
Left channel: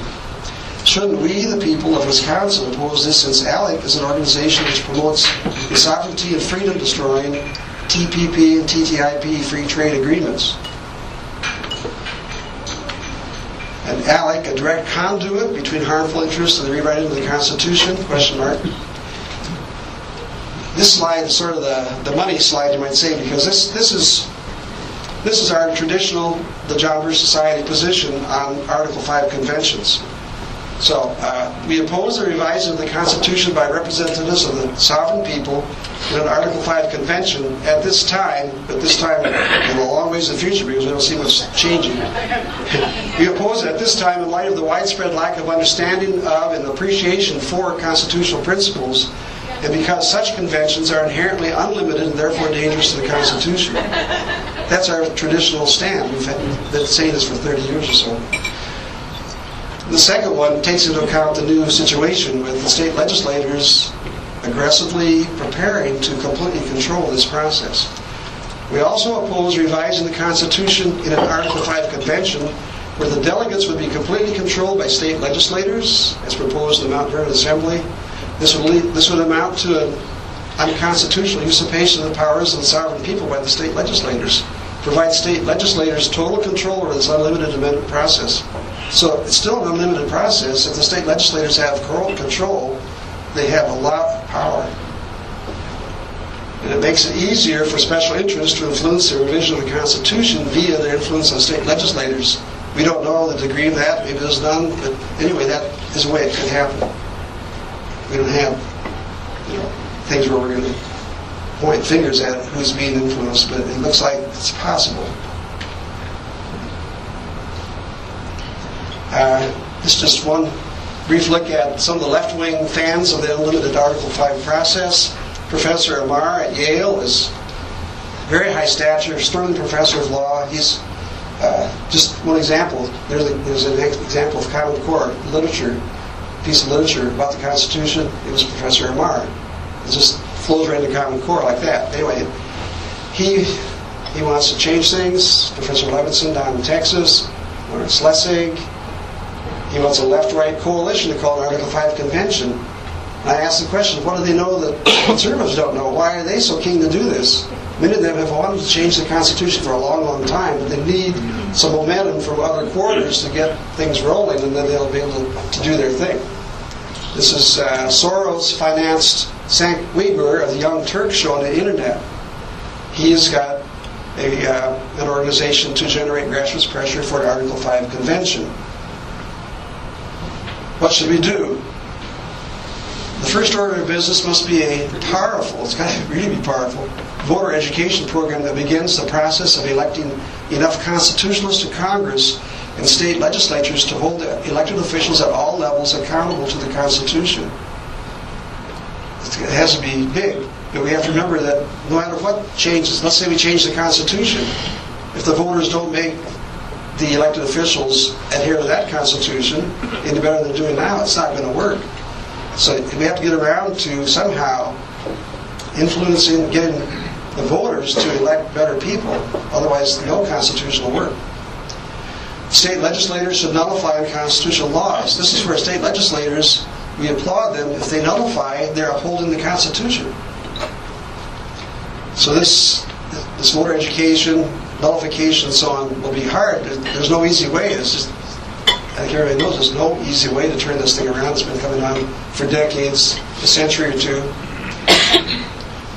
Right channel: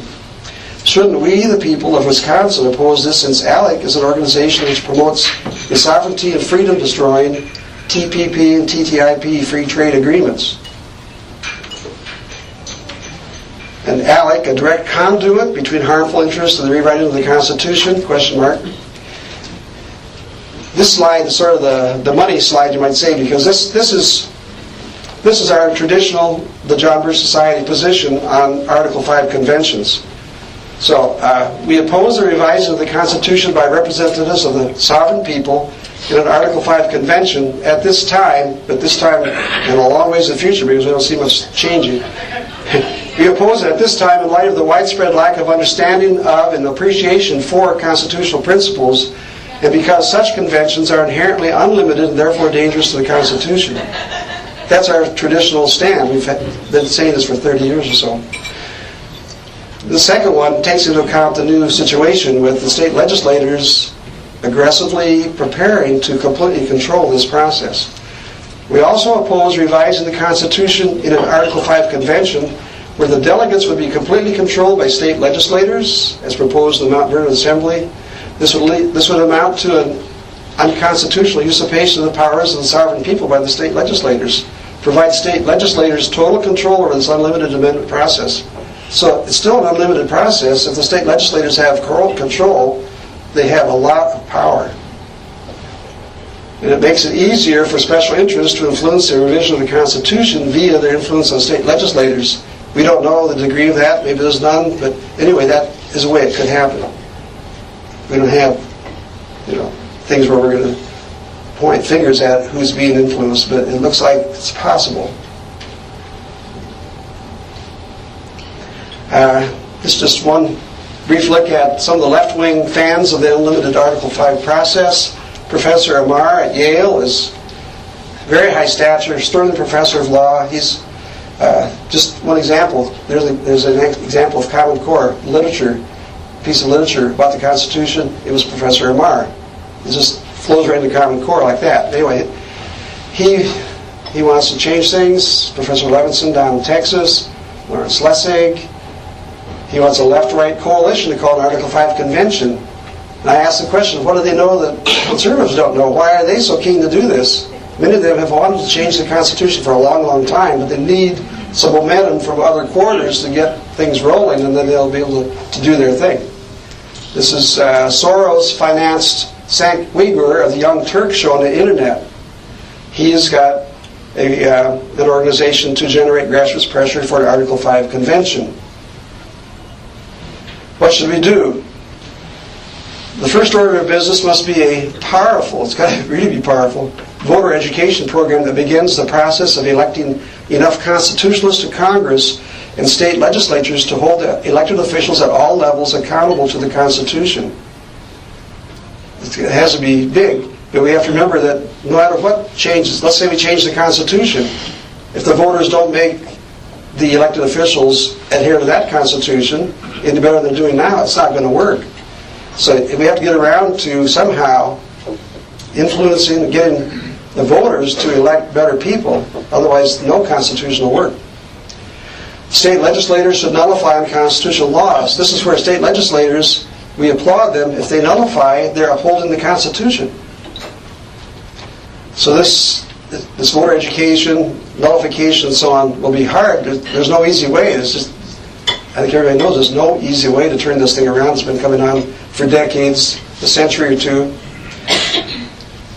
Shouldn't we, the people of Wisconsin, oppose this, since ALEC is an organization which promotes the sovereignty and freedom destroying TPP and TTIP free trade agreements? And ALEC, a direct conduit between harmful interests and the rewriting of the Constitution? Question mark. This slide is sort of the money slide, you might say, because this is our traditional, the John Birch Society position on Article 5 conventions. So we oppose the revising of the Constitution by representatives of the sovereign people in an Article 5 convention at this time, but this time in a long ways in the future because we don't see much changing. We oppose it at this time in light of the widespread lack of understanding of and appreciation for constitutional principles, and because such conventions are inherently unlimited and therefore dangerous to the Constitution. That's our traditional stand. We've been saying this for 30 years or so. The second one takes into account the new situation with the state legislators aggressively preparing to completely control this process. We also oppose revising the Constitution in an Article 5 convention where the delegates would be completely controlled by state legislators, as proposed in the Mount Vernon Assembly. This would amount to an unconstitutional usurpation of the powers of the sovereign people by the state legislators. Provide state legislators total control over this unlimited amendment process. So it's still an unlimited process. If the state legislators have control, they have a lot of power. And it makes it easier for special interests to influence the revision of the Constitution via their influence on state legislators, We don't know the degree of that. Maybe there's none. But anyway, that is a way it could happen. We don't have, things where we're going to point fingers at who's being influenced, but it looks like it's possible. This is just one brief look at some of the left-wing fans of the unlimited Article 5 process. Professor Amar at Yale is very high stature, sterling professor of law. He's just one example. There's an example of Common Core literature, piece of literature about the Constitution. It was Professor Amar. It just flows right into Common Core like that. Anyway, he wants to change things. Professor Levinson down in Texas, Lawrence Lessig. He wants a left-right coalition to call an Article 5 convention. And I asked the question, what do they know that conservatives don't know? Why are they so keen to do this? Many of them have wanted to change the Constitution for a long, long time, but they need some momentum from other quarters to get things rolling, and then they'll be able to do their thing. This is Soros-financed Cenk Uygur of the Young Turks show on the internet. He's got an organization to generate grassroots pressure for an Article 5 convention. What should we do? The first order of business must be a powerful, it's got to really be powerful, voter education program that begins the process of electing enough constitutionalists to Congress and state legislatures to hold elected officials at all levels accountable to the Constitution. It has to be big, but we have to remember that no matter what changes, let's say we change the Constitution, if the voters don't make the elected officials adhere to that Constitution any better than they're doing now, it's not going to work. So we have to get around to somehow influencing, getting the voters to elect better people. Otherwise, no Constitution will work. State legislators should nullify unconstitutional laws. This is where state legislators, we applaud them. If they nullify, they're upholding the Constitution. So this voter education, nullification, and so on will be hard. There's no easy way. It's just, I think everybody knows there's no easy way to turn this thing around. It's been coming on for decades, a century or two.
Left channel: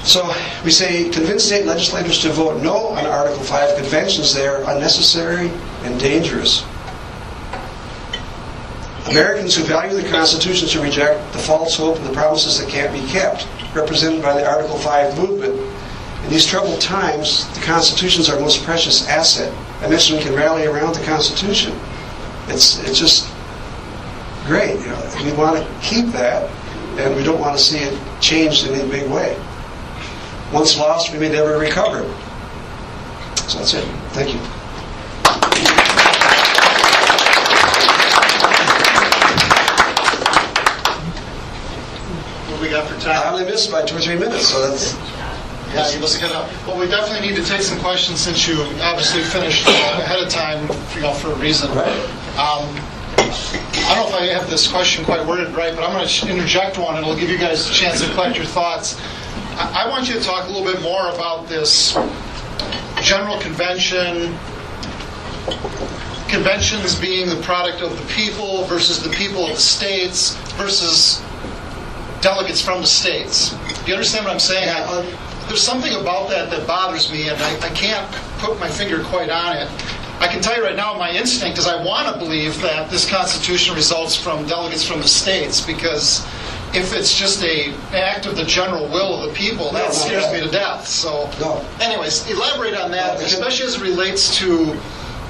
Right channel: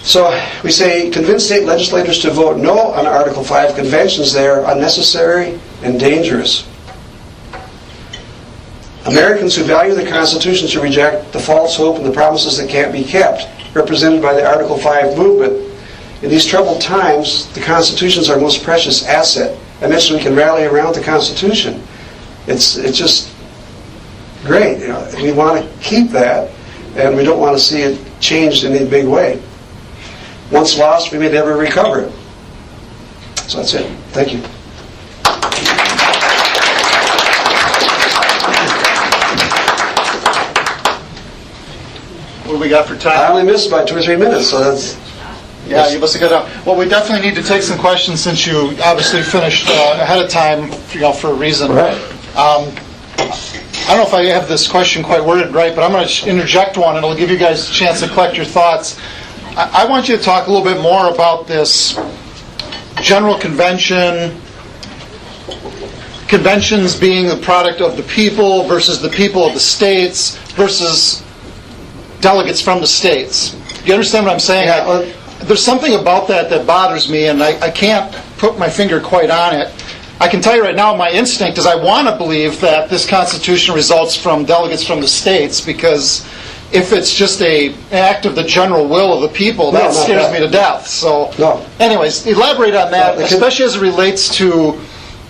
So we say, convince state legislators to vote no on Article 5 conventions. They are unnecessary and dangerous. Americans who value the Constitution should reject the false hope and the promises that can't be kept, represented by the Article 5 movement. In these troubled times, the Constitution is our most precious asset. I mentioned we can rally around the Constitution. It's just great. We want to keep that, and we don't want to see it changed in a big way. Once lost, we may never recover it. So that's it. Thank you. What do we got for time? I only missed by 2 or 3 minutes, so that's... Yeah, you must have got out. Well, we definitely need to take some questions since you obviously finished ahead of time, for a reason. Right. I don't know if I have this question quite worded right, but I'm going to interject one, and it'll give you guys a chance to collect your thoughts. I want you to talk a little bit more about this general convention, conventions being the product of the people versus the people of the states versus delegates from the states. Do you understand what I'm saying? Yeah, there's something about that bothers me, and I can't put my finger quite on it. I can tell you right now, my instinct is I want to believe that this Constitution results from delegates from the states, because if it's just an act of the general will of the people, that scares me to death. So, anyways, elaborate on that, especially as it relates to,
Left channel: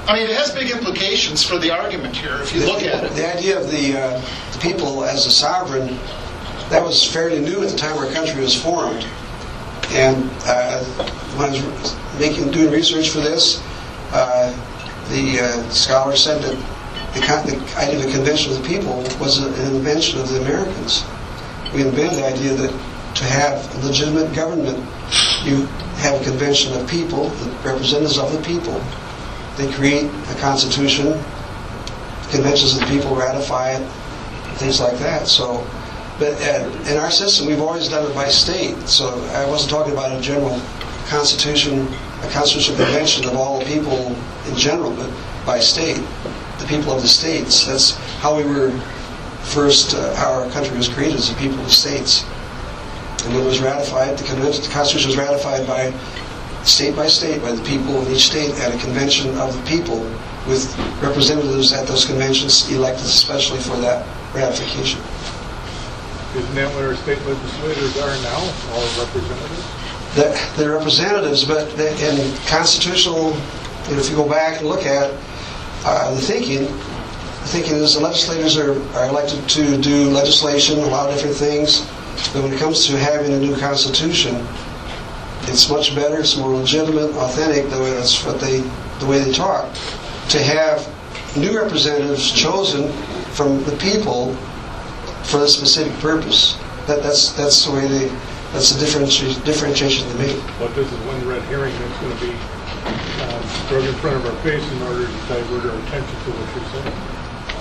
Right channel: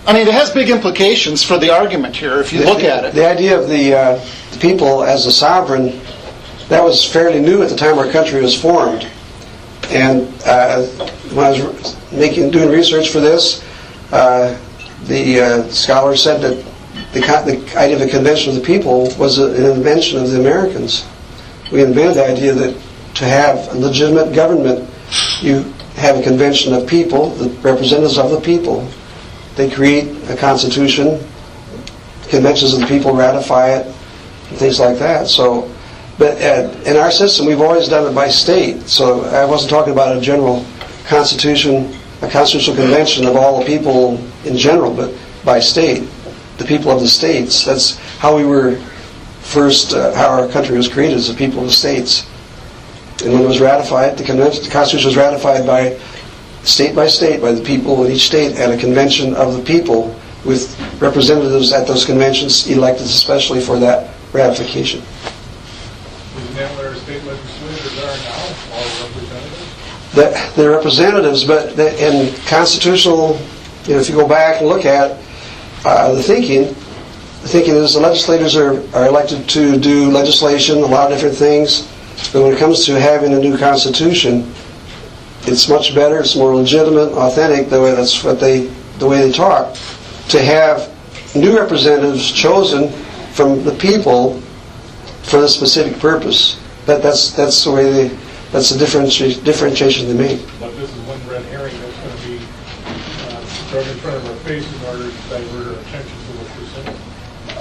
I mean, it has big implications for the argument here, if you look at it. The idea of the people as a sovereign, that was fairly new at the time our country was formed. And when I was doing research for this, the scholar said that the idea of a convention of the people was an invention of the Americans. We invented the idea that to have a legitimate government, you have a convention of people, the representatives of the people. They create a constitution, conventions of the people ratify it, and things like that. So, but in our system, we've always done it by state. So I wasn't talking about a general constitution, a constitutional convention of all the people in general, but by state, the people of the states. That's how we were first, how our country was created, as the people of the states. And when it was ratified, the Constitution was ratified by state, by the people in each state at a convention of the people with representatives at those conventions elected especially for that ratification. Isn't that what our state legislators are now, all representatives? They're representatives, but in constitutional, if you go back and look at the thinking is the legislators are elected to do legislation, a lot of different things, but when it comes to having a new constitution, it's much better, it's more legitimate, authentic, the way they talk, to have new representatives chosen from the people for the specific purpose. That's the differentiation they make. But this is one red herring that's going to be thrown in front of our face in order to divert our attention to what you're saying.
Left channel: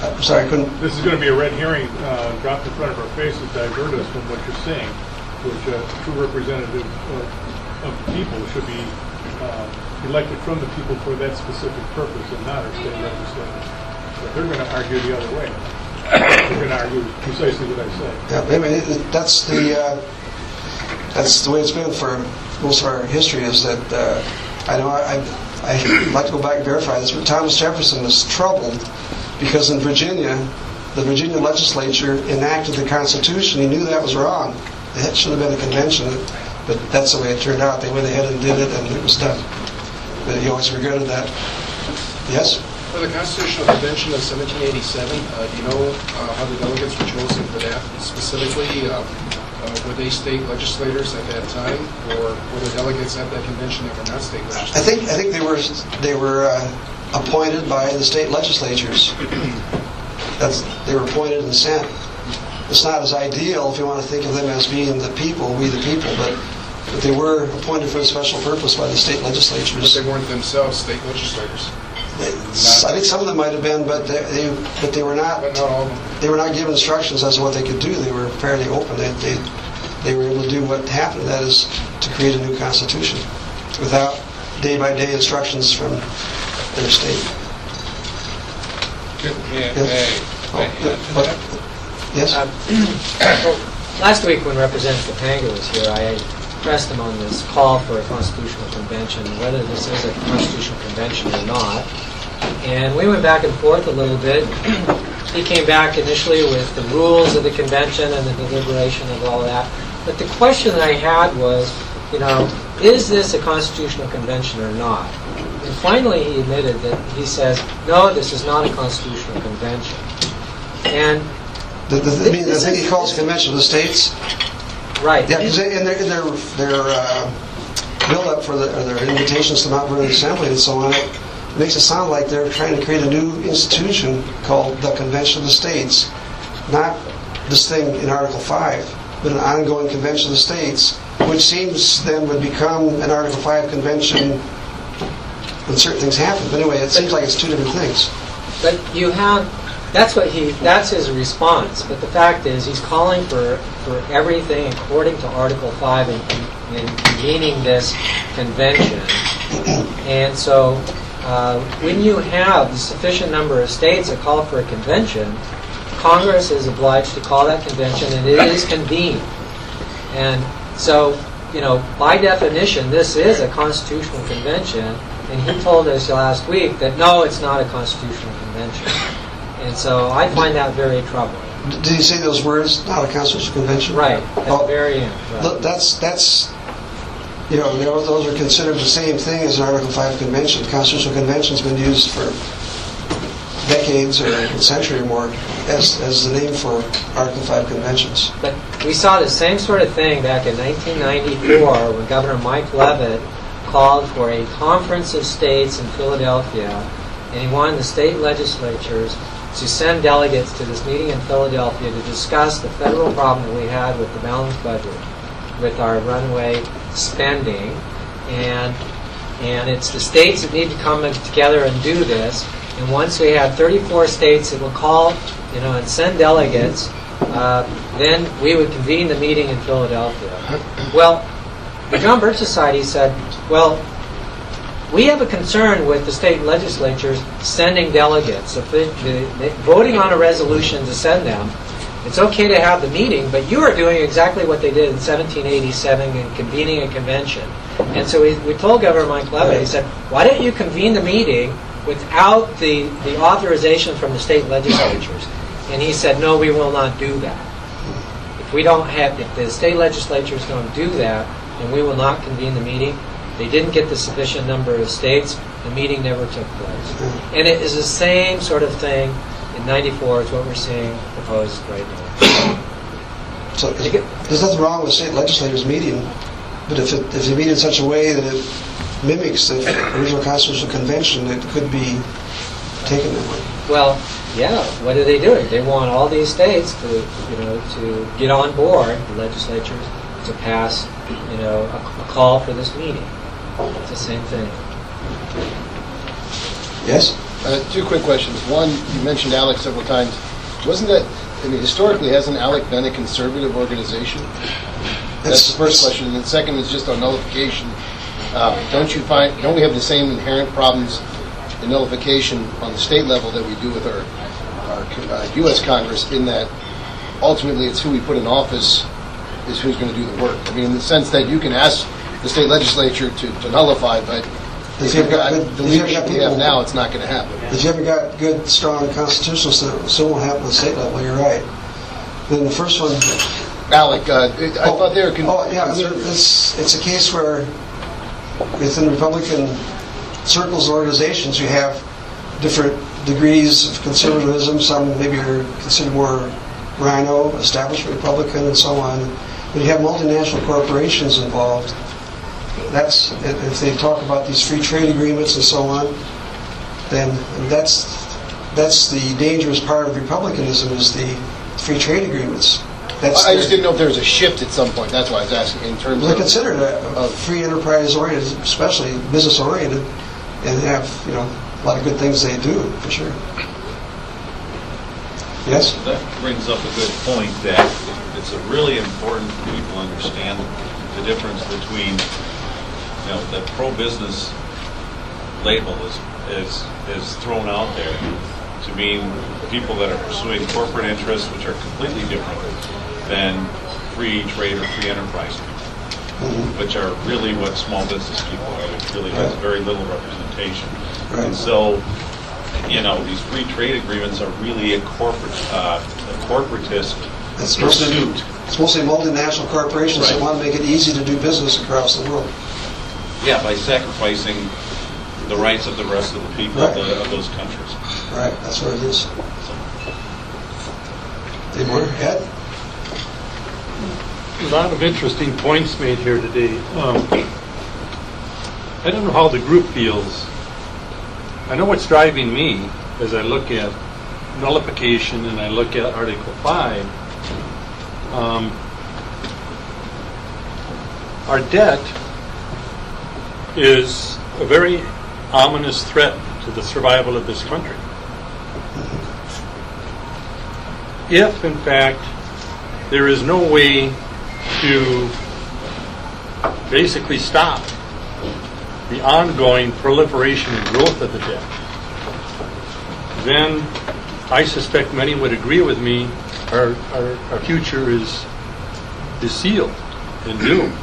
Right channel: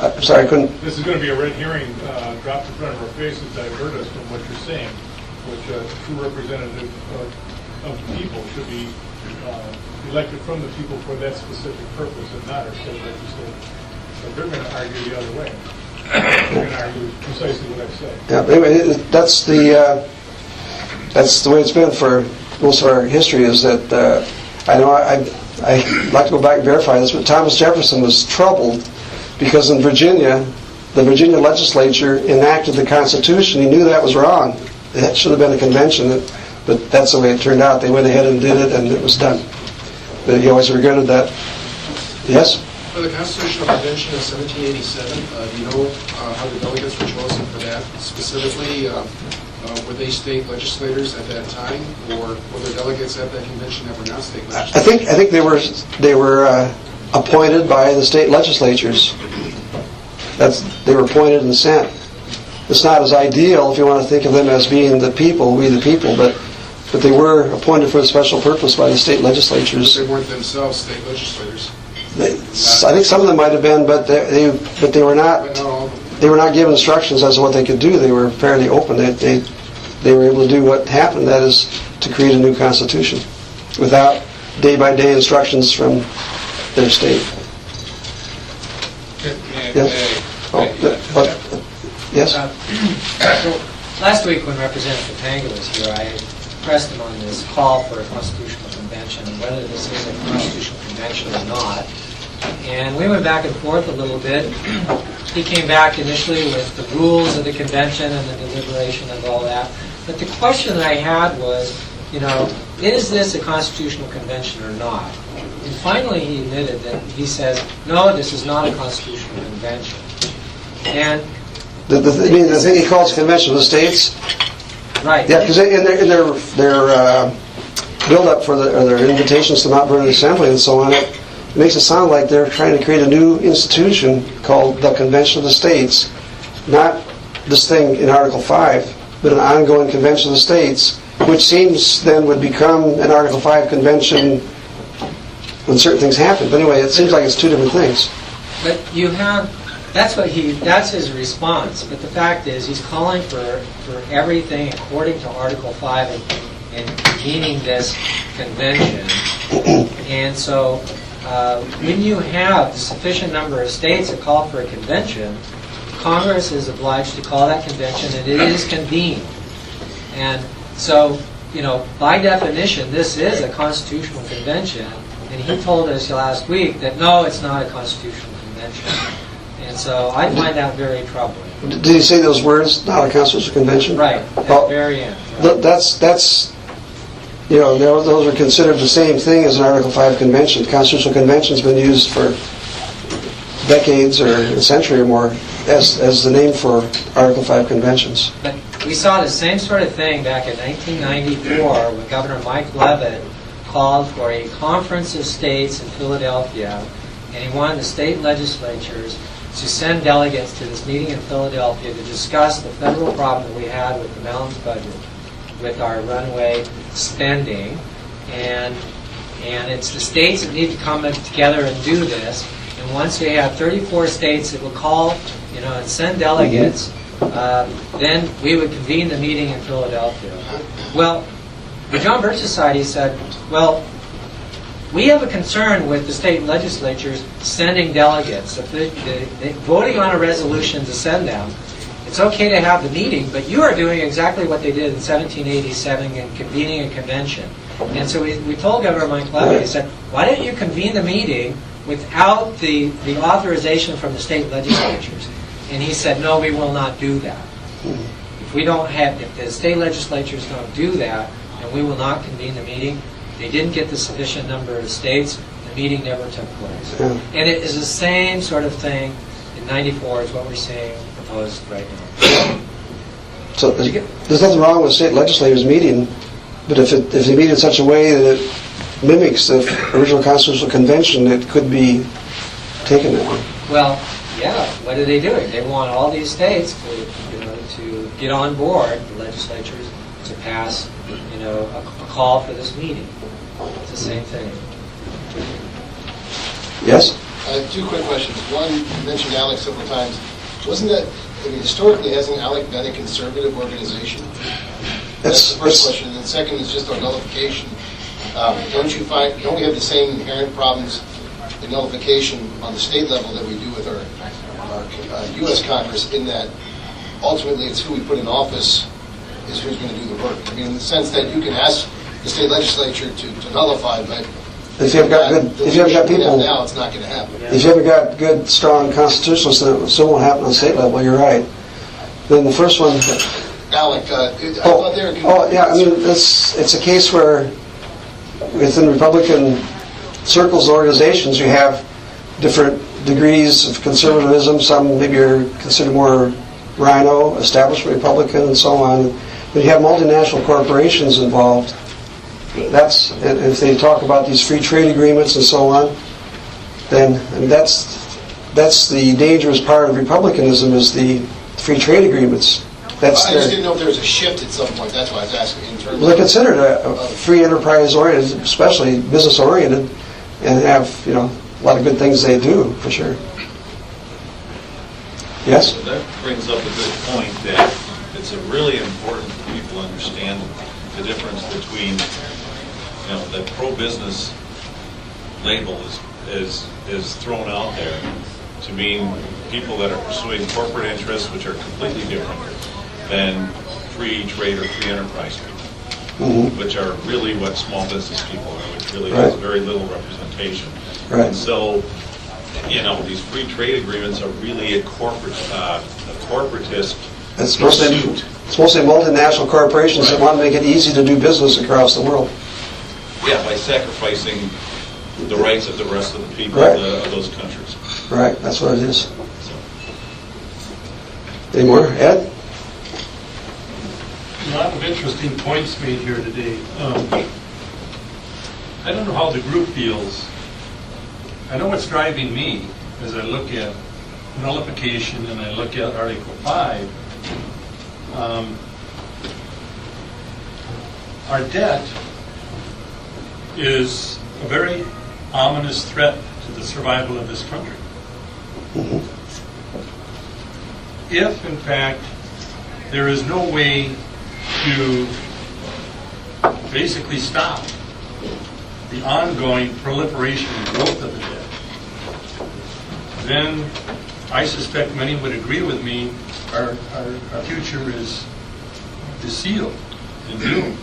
I'm sorry, I couldn't. This is going to be a red herring dropped in front of our face to divert us from what you're saying, which a true representative of the people should be elected from the people for that specific purpose and not our state legislators. So they're going to argue the other way. They're going to argue precisely what I say. Yeah, anyway, that's the way it's been for most of our history. Is that I know I'd like to go back and verify this, but Thomas Jefferson was troubled because in Virginia, the Virginia legislature enacted the Constitution. He knew that was wrong. It should have been a convention, but that's the way it turned out. They went ahead and did it, and it was done. But he always regretted that. Yes? For the Constitutional Convention of 1787, do you know how the delegates were chosen for that specifically? Were they state legislators at that time, or were there delegates at that convention that were not state legislators? I think they were appointed by the state legislatures. They were appointed and sent. It's not as ideal if you want to think of them as being the people, we the people, but they were appointed for a special purpose by the state legislatures. But they weren't themselves state legislators. I think some of them might have been, but they were not. But not all of them. They were not given instructions as to what they could do. They were fairly open. They were able to do what happened, that is, to create a new constitution without day-by-day instructions from their state. Yes? Last week when Representative Panga was here, I pressed him on this call for a constitutional convention, whether this is a constitutional convention or not. And we went back and forth a little bit. He came back initially with the rules of the convention and the deliberation of all that. But the question that I had was, is this a constitutional convention or not? And finally he admitted that he says, no, this is not a constitutional convention. And the thing he calls convention of the states? Right. Yeah, because in their build-up for their invitations to Mount Vernon Assembly and so on, it makes it sound like they're trying to create a new institution called the Convention of the States. Not this thing in Article 5, but an ongoing Convention of the States, which seems then would become an Article 5 convention when certain things happen. But anyway, it seems like it's two different things. But that's his response. But the fact is, he's calling for everything according to Article 5 in convening this convention. And so when you have a sufficient number of states that call for a convention, Congress is obliged to call that convention, and it is convened. And so, by definition, this is a constitutional convention, and he told us last week that no, it's not a constitutional convention. And so I find that very troubling. Did he say those words, not a constitutional convention? Right, at the very end. Right. That's those are considered the same thing as an Article 5 convention. Constitutional convention's been used for decades or a century or more as the name for Article 5 conventions. But we saw the same sort of thing back in 1994 when Governor Mike Leavitt called for a conference of states in Philadelphia, and he wanted the state legislatures to send delegates to this meeting in Philadelphia to discuss the federal problem that we had with the balanced budget, with our runaway spending, and it's the states that need to come together and do this. And once we have 34 states that will call, and send delegates, then we would convene the meeting in Philadelphia. Well, the John Birch Society said, well, we have a concern with the state legislatures sending delegates. If voting on a resolution to send them, it's okay to have the meeting, but you are doing exactly what they did in 1787 and convening a convention. And so we told Governor Mike Leavitt, he said, why don't you convene the meeting without the authorization from the state legislatures. And he said, no, we will not do that. If the state legislatures don't do that, then we will not convene the meeting. They didn't get the sufficient number of states. The meeting never took place. And it is the same sort of thing in 94 as what we're seeing proposed right now. So there's nothing wrong with state legislators meeting, but if they meet in such a way that it mimics the original constitutional convention, it could be taken that way. Well, yeah, what are they doing? They want all these states to get on board, the legislatures, to pass, a call for this meeting. It's the same thing. Yes? Two quick questions. One, you mentioned ALEC several times. Wasn't that, historically, hasn't ALEC been a conservative organization? That's the first question. And then second is just on nullification. Don't we have the same inherent problems in nullification on the state level that we do with our U.S. Congress, in that ultimately it's who we put in office is who's going to do the work? I mean, in the sense that you can ask the state legislature to nullify, but if you haven't got people now, it's not going to happen. If you haven't got good, strong constitutionalists, then it still won't happen on the state level. You're right. Then the first one, ALEC, I thought they were. It's a case where within Republican circles and organizations, you have different degrees of conservatism. Some maybe are considered more rhino, establishment Republican, and so on. But you have multinational corporations involved. And if they talk about these free trade agreements and so on, then that's the dangerous part of republicanism, is the free trade agreements. I just didn't know if there was a shift at some point. That's why I was asking. In terms, they're considered a free enterprise oriented, especially business oriented, and have a lot of good things they do for sure. Yes. So that brings up a good point, that it's really important for people to understand the difference between the pro-business label is thrown out there to mean people that are pursuing corporate interests, which are completely different than free trade or free enterprise people, which are really what small business people are, which really has very little representation. Right. And so, these free trade agreements are really a corporatist It's pursuit. mostly multinational corporations that want to make it easy to do business across the world. Yeah, by sacrificing the rights of the rest of the people of those countries. Right, that's what it is. Any more? Ed? A lot of interesting points made here today. I don't know how the group feels. I know what's driving me as I look at nullification and I look at Article 5. Our debt is a very ominous threat to the survival of this country. If, in fact, there is no way to basically stop the ongoing proliferation and growth of the debt, then I suspect many would agree with me, our future is sealed and doomed.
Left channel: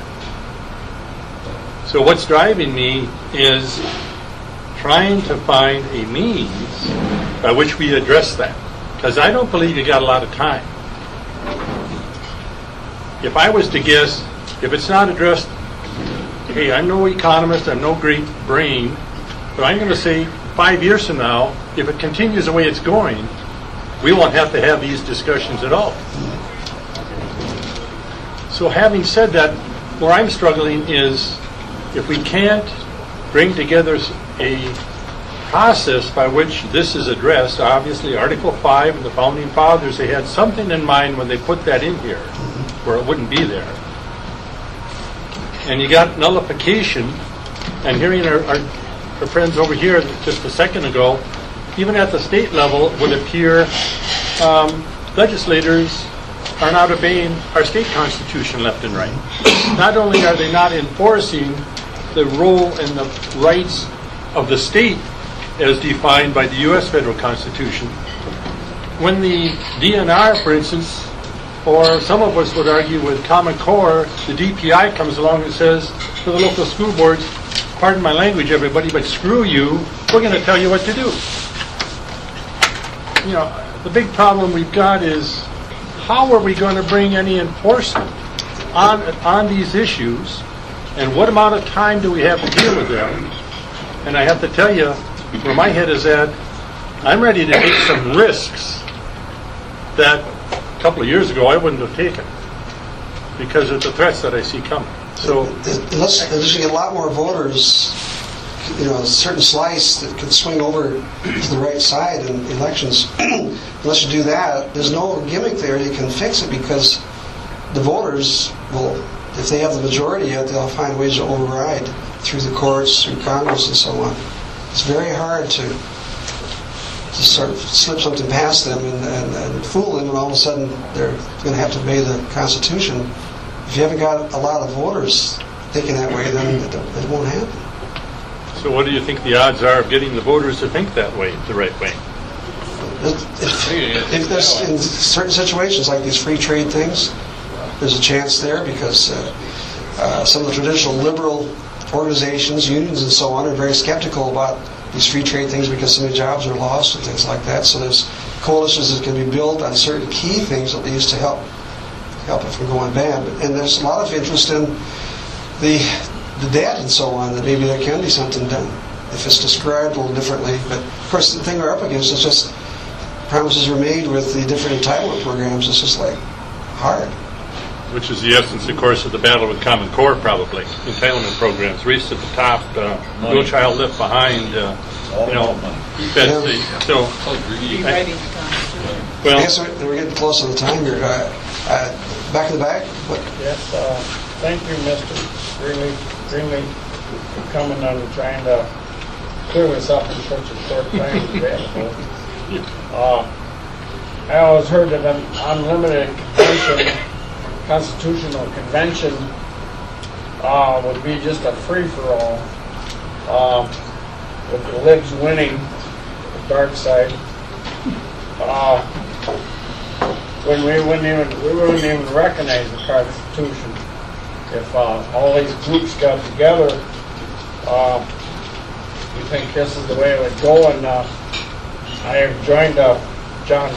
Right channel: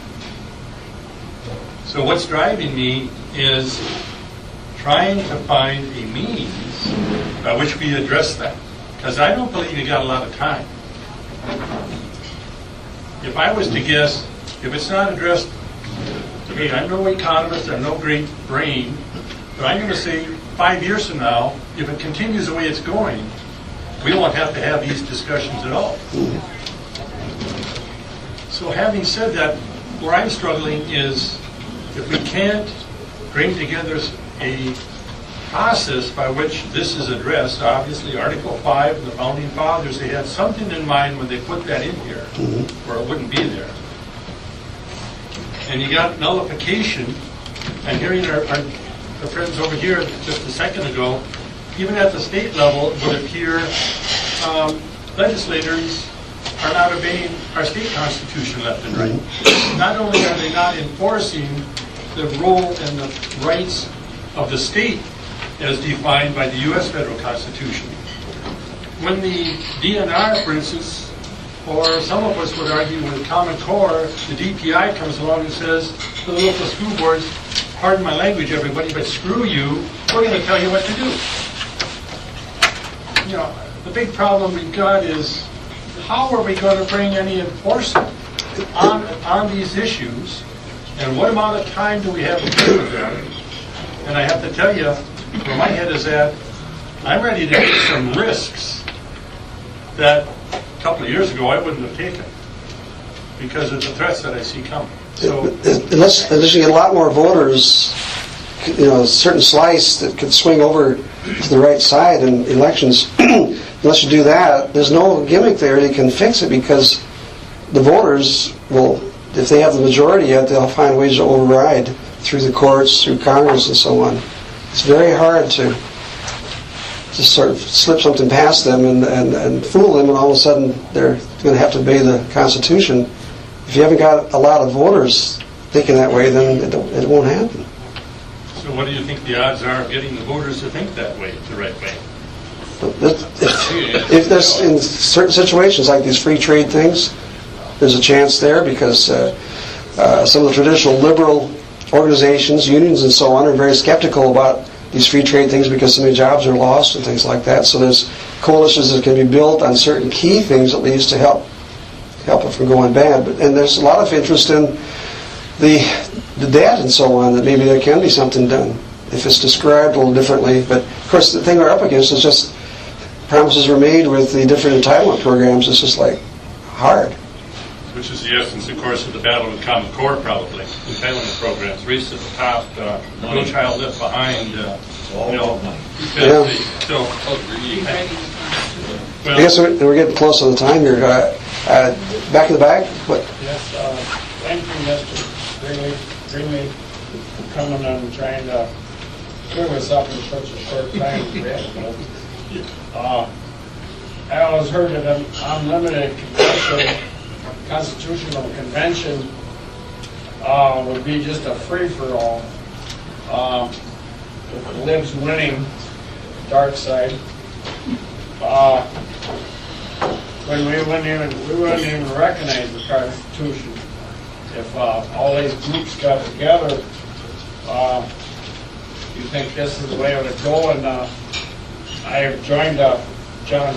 So what's driving me is trying to find a means by which we address that, because I don't believe you got a lot of time. If I was to guess, if it's not addressed, hey, I'm no economist, I'm no great brain, but I'm going to say 5 years from now, if it continues the way it's going, we won't have to have these discussions at all. So having said that, where I'm struggling is if we can't bring together a process by which this is addressed. Obviously, Article 5 and the Founding Fathers, they had something in mind when they put that in here, where it wouldn't be there. And you got nullification, and hearing our friends over here just a second ago, even at the state level, it would appear legislators are not obeying our state constitution left and right. Not only are they not enforcing the role and the rights of the state as defined by the U.S. federal constitution, when the DNR, for instance, or some of us would argue with Common Core, the DPI comes along and says to the local school boards, pardon my language, everybody, but screw you, we're going to tell you what to do. You know, the big problem we've got is how are we going to bring any enforcement on these issues, and what amount of time do we have to deal with them? And I have to tell you, where my head is at, I'm ready to take some risks that a couple of years ago I wouldn't have taken because of the threats that I see coming. So Unless you get a lot more voters, you know, a certain slice that could swing over to the right side in elections, unless you do that, there's no gimmick there that can fix it, because the voters will, if they have the majority yet, they'll find ways to override through the courts, through Congress, and so on. It's very hard to sort of slip something past them and fool them, and all of a sudden they're going to have to obey the Constitution. If you haven't got a lot of voters thinking that way, then it won't happen. So what do you think the odds are of getting the voters to think that way, the right way? If there's, in certain situations like these free trade things, there's a chance there, because some of the traditional liberal organizations, unions and so on, are very skeptical about these free trade things because so many jobs are lost and things like that. So there's coalitions that can be built on certain key things, at least, to help it from going bad. And there's a lot of interest in the debt and so on, that maybe there can be something done if it's described a little differently. But of course, the thing we're up against is just promises were made with the different entitlement programs. It's just like hard. Which is the essence, of course, of the battle with Common Core, probably. Entitlement programs, race to the top, no child left behind. All about money. Yeah. So, I guess we're getting close on the time here. Back in the back? What? Yes, thank you, Mr. Greenley, for coming and trying to clear this up in such a short time as possible. I always heard that an unlimited constitutional convention would be just a free-for-all, with the libs winning, the dark side. When we wouldn't even recognize the Constitution if all these groups got together. You think this is the way it would go? And I have joined John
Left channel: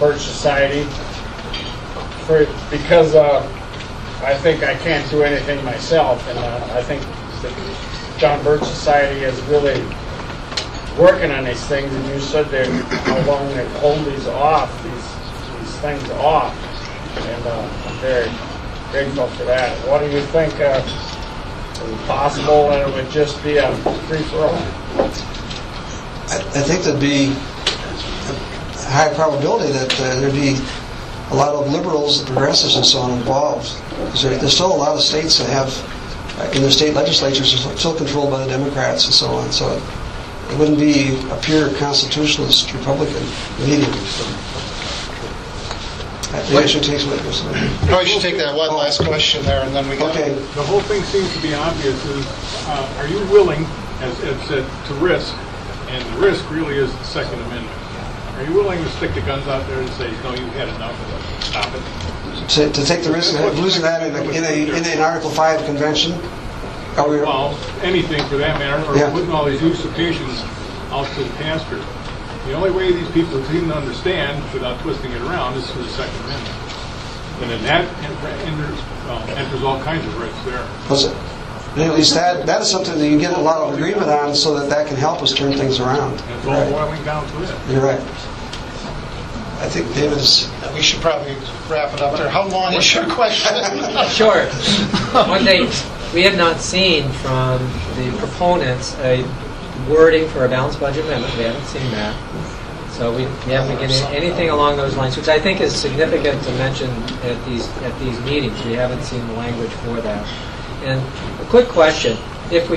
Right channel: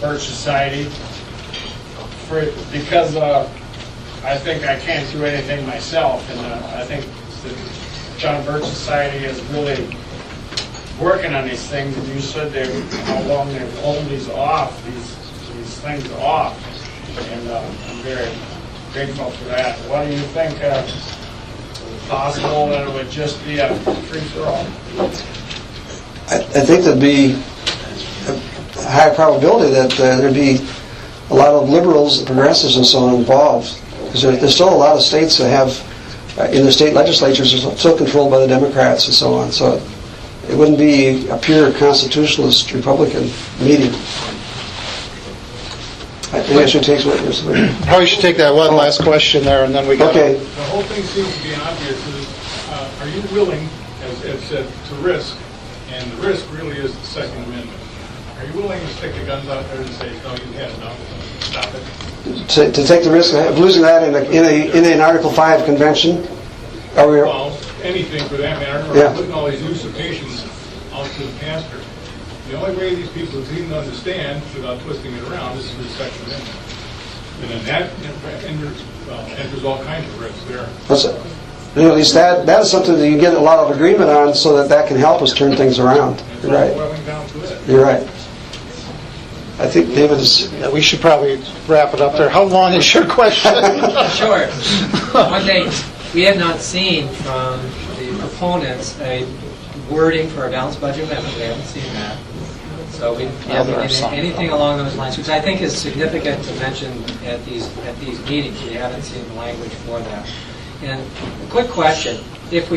Birch Society because I think I can't do anything myself, and I think the John Birch Society is really working on these things. And you said how long they hold these things off, and I'm very grateful for that. What do you think? Is it possible that it would just be a free-for-all? I think there'd be a high probability that there'd be a lot of liberals, progressives, and so on involved, because there's still a lot of states that have, in their state legislatures, are still controlled by the Democrats and so on. So it wouldn't be a pure constitutionalist Republican meeting. I think I should take some. Probably should take that one last question there, and then we got. Okay. The whole thing seems to be obvious. Are you willing, as Ed said, to risk? And the risk really is the Second Amendment. Are you willing to stick the guns out there and say, no, you've had enough, stop it? To take the risk of losing that in an Article 5 convention? Are we? Well, anything for that matter, or Yeah. putting all these usurpations out to the pasture. The only way these people seem to understand, without twisting it around, is through the Second Amendment. And then that enters all kinds of risks there. What's it? At least that is something that you get a lot of agreement on, so that can help us turn things around. It's You're all right. boiling down to it. You're right. I think David is. Yeah, we should probably wrap it up there. How long is your question? Sure. Okay, we have not seen from the proponents a wording for a balanced budget amendment. We haven't seen that. So we haven't seen anything along those lines, which I think is significant to mention at these meetings. We haven't seen the language for that. And a quick question: if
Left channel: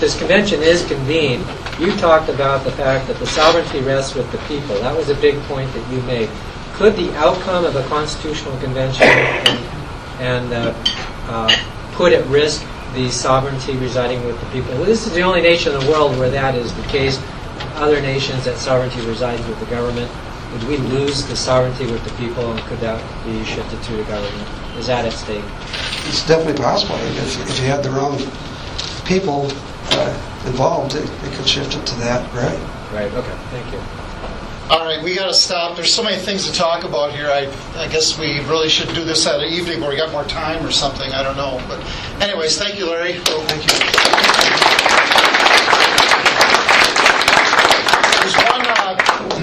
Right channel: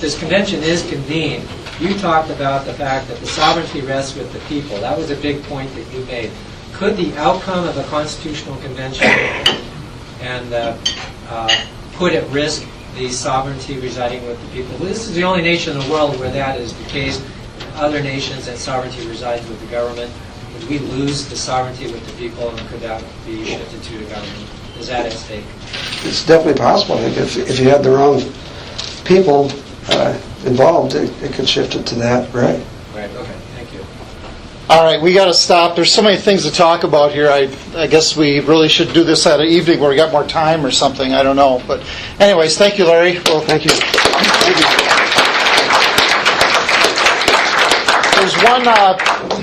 this convention is convened, you talked about the fact that the sovereignty rests with the people. That was a big point that you made. Could the outcome of a constitutional convention and put at risk the sovereignty residing with the people? Well, this is the only nation in the world where that is the case. Other nations, that sovereignty resides with the government. Would we lose the sovereignty with the people, and could that be shifted to the government? Is that at stake? It's definitely possible. I think if you had the wrong people involved, it could shift it to that, right? Right, okay, thank you. All right, we got to stop. There's so many things to talk about here. I guess we really should do this at an evening where we got more time or something. I don't know. But anyways, thank you, Larry. Well, Thank you.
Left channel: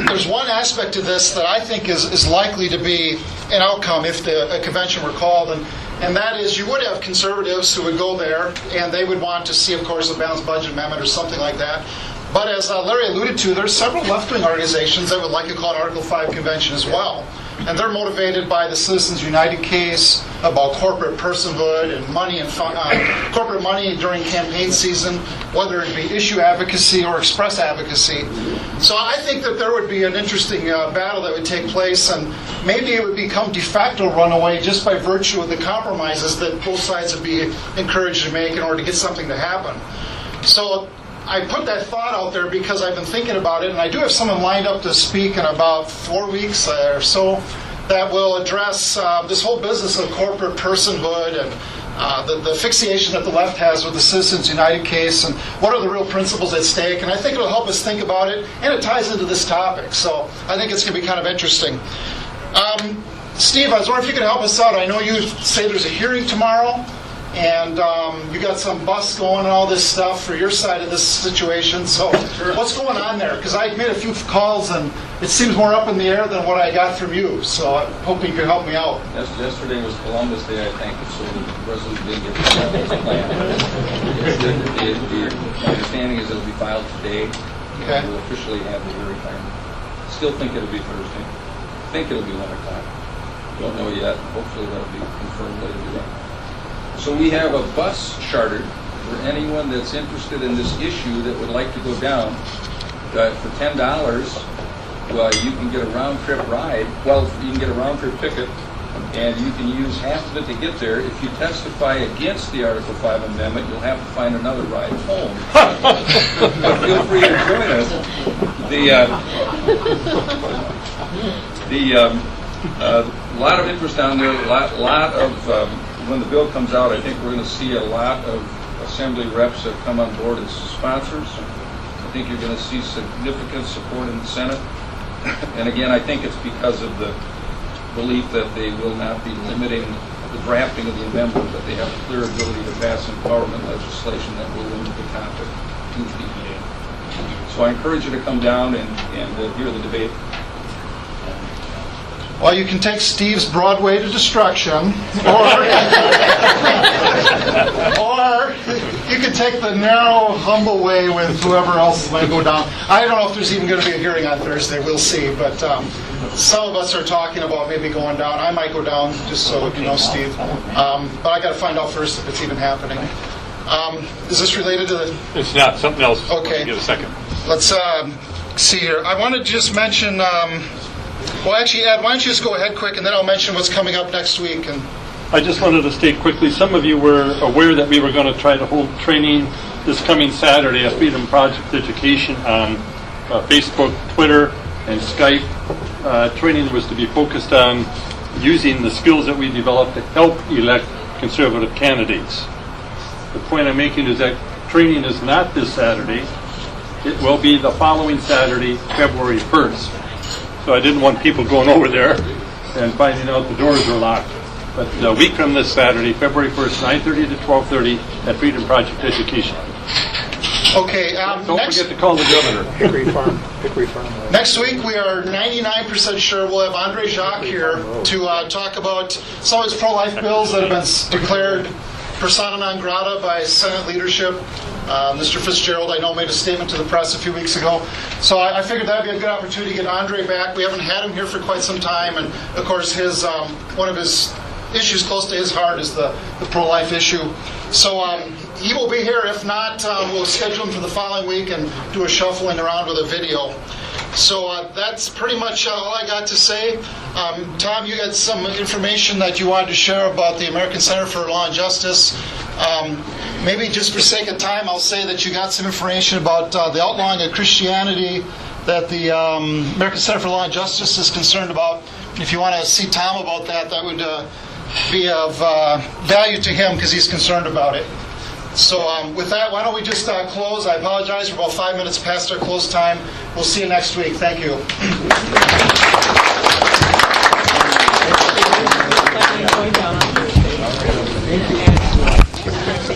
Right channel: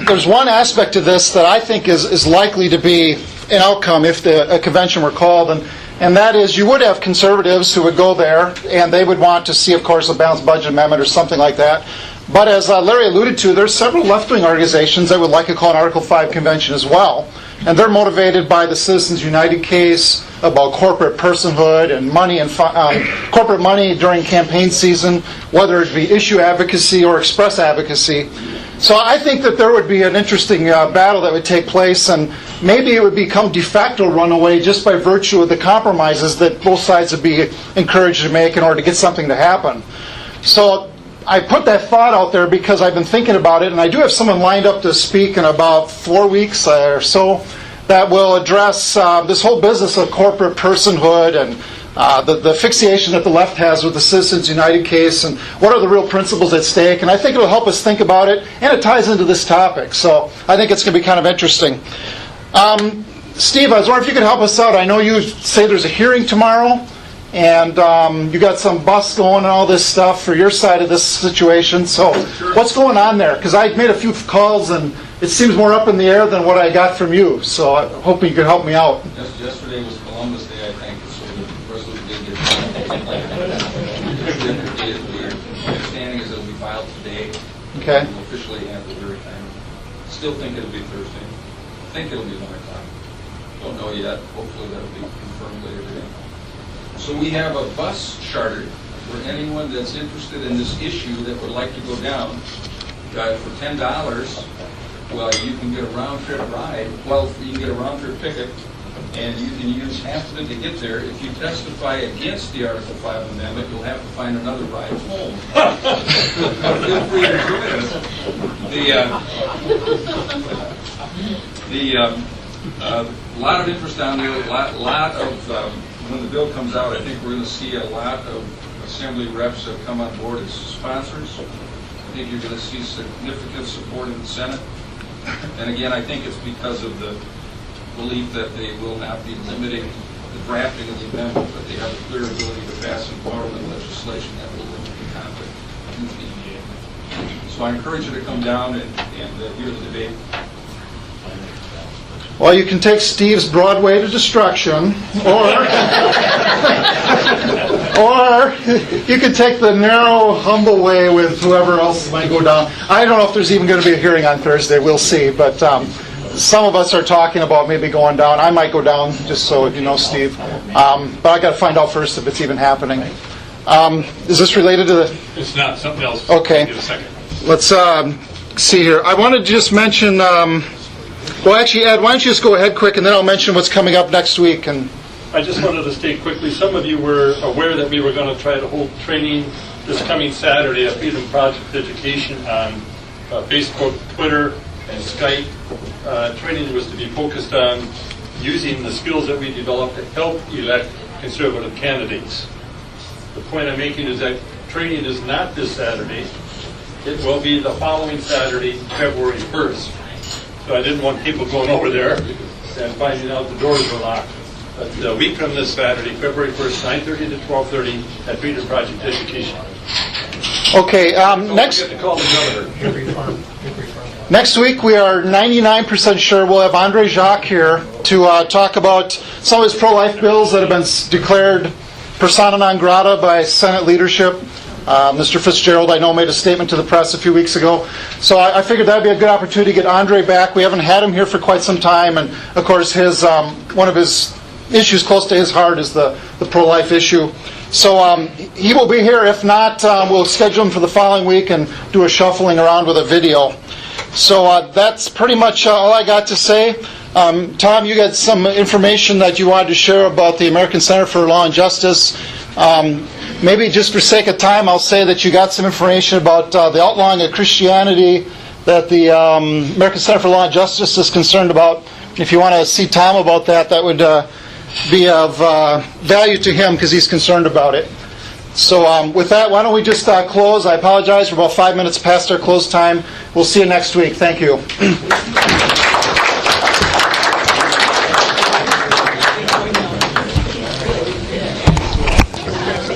there's one aspect to this that I think is likely to be an outcome if a convention were called, and that is you would have conservatives who would go there, and they would want to see, of course, a balanced budget amendment or something like that. But as Larry alluded to, there's several left-wing organizations that would like to call an Article 5 convention as well. And they're motivated by the Citizens United case about corporate personhood and money and corporate money during campaign season, whether it be issue advocacy or express advocacy. So I think that there would be an interesting battle that would take place, and maybe it would become de facto runaway just by virtue of the compromises that both sides would be encouraged to make in order to get something to happen. So I put that thought out there because I've been thinking about it, and I do have someone lined up to speak in about 4 weeks or so that will address this whole business of corporate personhood and the fixation that the left has with the Citizens United case and what are the real principles at stake. And I think it'll help us think about it, and it ties into this topic. So I think it's going to be kind of interesting. Steve, I was wondering if you could help us out. I know you say there's a hearing tomorrow, and you got some bus going and all this stuff for your side of this situation. So what's going on there? Because I made a few calls, and it seems more up in the air than what I got from you. So I'm hoping you can help me out. Yesterday was Columbus Day, I think, so the resolution didn't get the plan. The understanding is it'll be filed today. Okay. We'll officially have the hearing time. Still think it'll be Thursday. Think it'll be 1 o'clock. Don't know yet. Hopefully that'll be confirmed later today. So we have a bus chartered for anyone that's interested in this issue that would like to go down. For $10, well, you can get a round-trip ride. Well, you can get a round-trip ticket, and you can use half of it to get there. If you testify against the Article 5 amendment, you'll have to find another ride home. Feel free to join us. A lot of interest on there. Lot of when the bill comes out, I think we're going to see a lot of assembly reps that come on board as sponsors. I think you're going to see significant support in the Senate. And again, I think it's because of the belief that they will not be limiting the drafting of the amendment, but they have a clear ability to pass empowerment legislation that will limit the conflict to the. So I encourage you to come down and hear the debate. Well, you can take Steve's Broadway to destruction, or you can take the narrow, humble way with whoever else is going to go down. I don't know if there's even going to be a hearing on Thursday. We'll see. But some of us are talking about maybe going down. I might go down, just so you know, Steve. But I got to find out first if it's even happening. Is this related to the... It's not. Something else. Okay. Give a second. Let's see here. I wanted to just mention... well, actually, Ed, why don't you just go ahead quick, and then I'll mention what's coming up next week. And I just wanted to state quickly, some of you were aware that we were going to try to hold training this coming Saturday at Freedom Project Education on Facebook, Twitter, and Skype. Training was to be focused on using the skills that we developed to help elect conservative candidates. The point I'm making is that training is not this Saturday. It will be the following Saturday, February 1st. So I didn't want people going over there and finding out the doors were locked. But a week from this Saturday, February 1st, 9:30 to 12:30 at Freedom Project Education. Okay, Don't next forget to call the governor. Hickory Farm. next week we are 99% sure we'll have Andre Jacques here to talk about some of his pro-life bills that have been declared persona non grata by Senate leadership. Mr. Fitzgerald, I know, made a statement to the press a few weeks ago. So I figured that would be a good opportunity to get Andre back. We haven't had him here for quite some time. And, of course, his one of his issues close to his heart is the pro-life issue. So he will be here. If not, we'll schedule him for the following week and do a shuffling around with a video. So that's pretty much all I got to say. Tom, you got some information that you wanted to share about the American Center for Law and Justice. Maybe just for sake of time, I'll say that you got some information about the outlawing of Christianity that the American Center for Law and Justice is concerned about. If you want to see Tom about that, that would be of value to him because he's concerned about it. So with that, why don't we just close? I apologize, we're about 5 minutes past our close time. We'll see you next week. Thank you.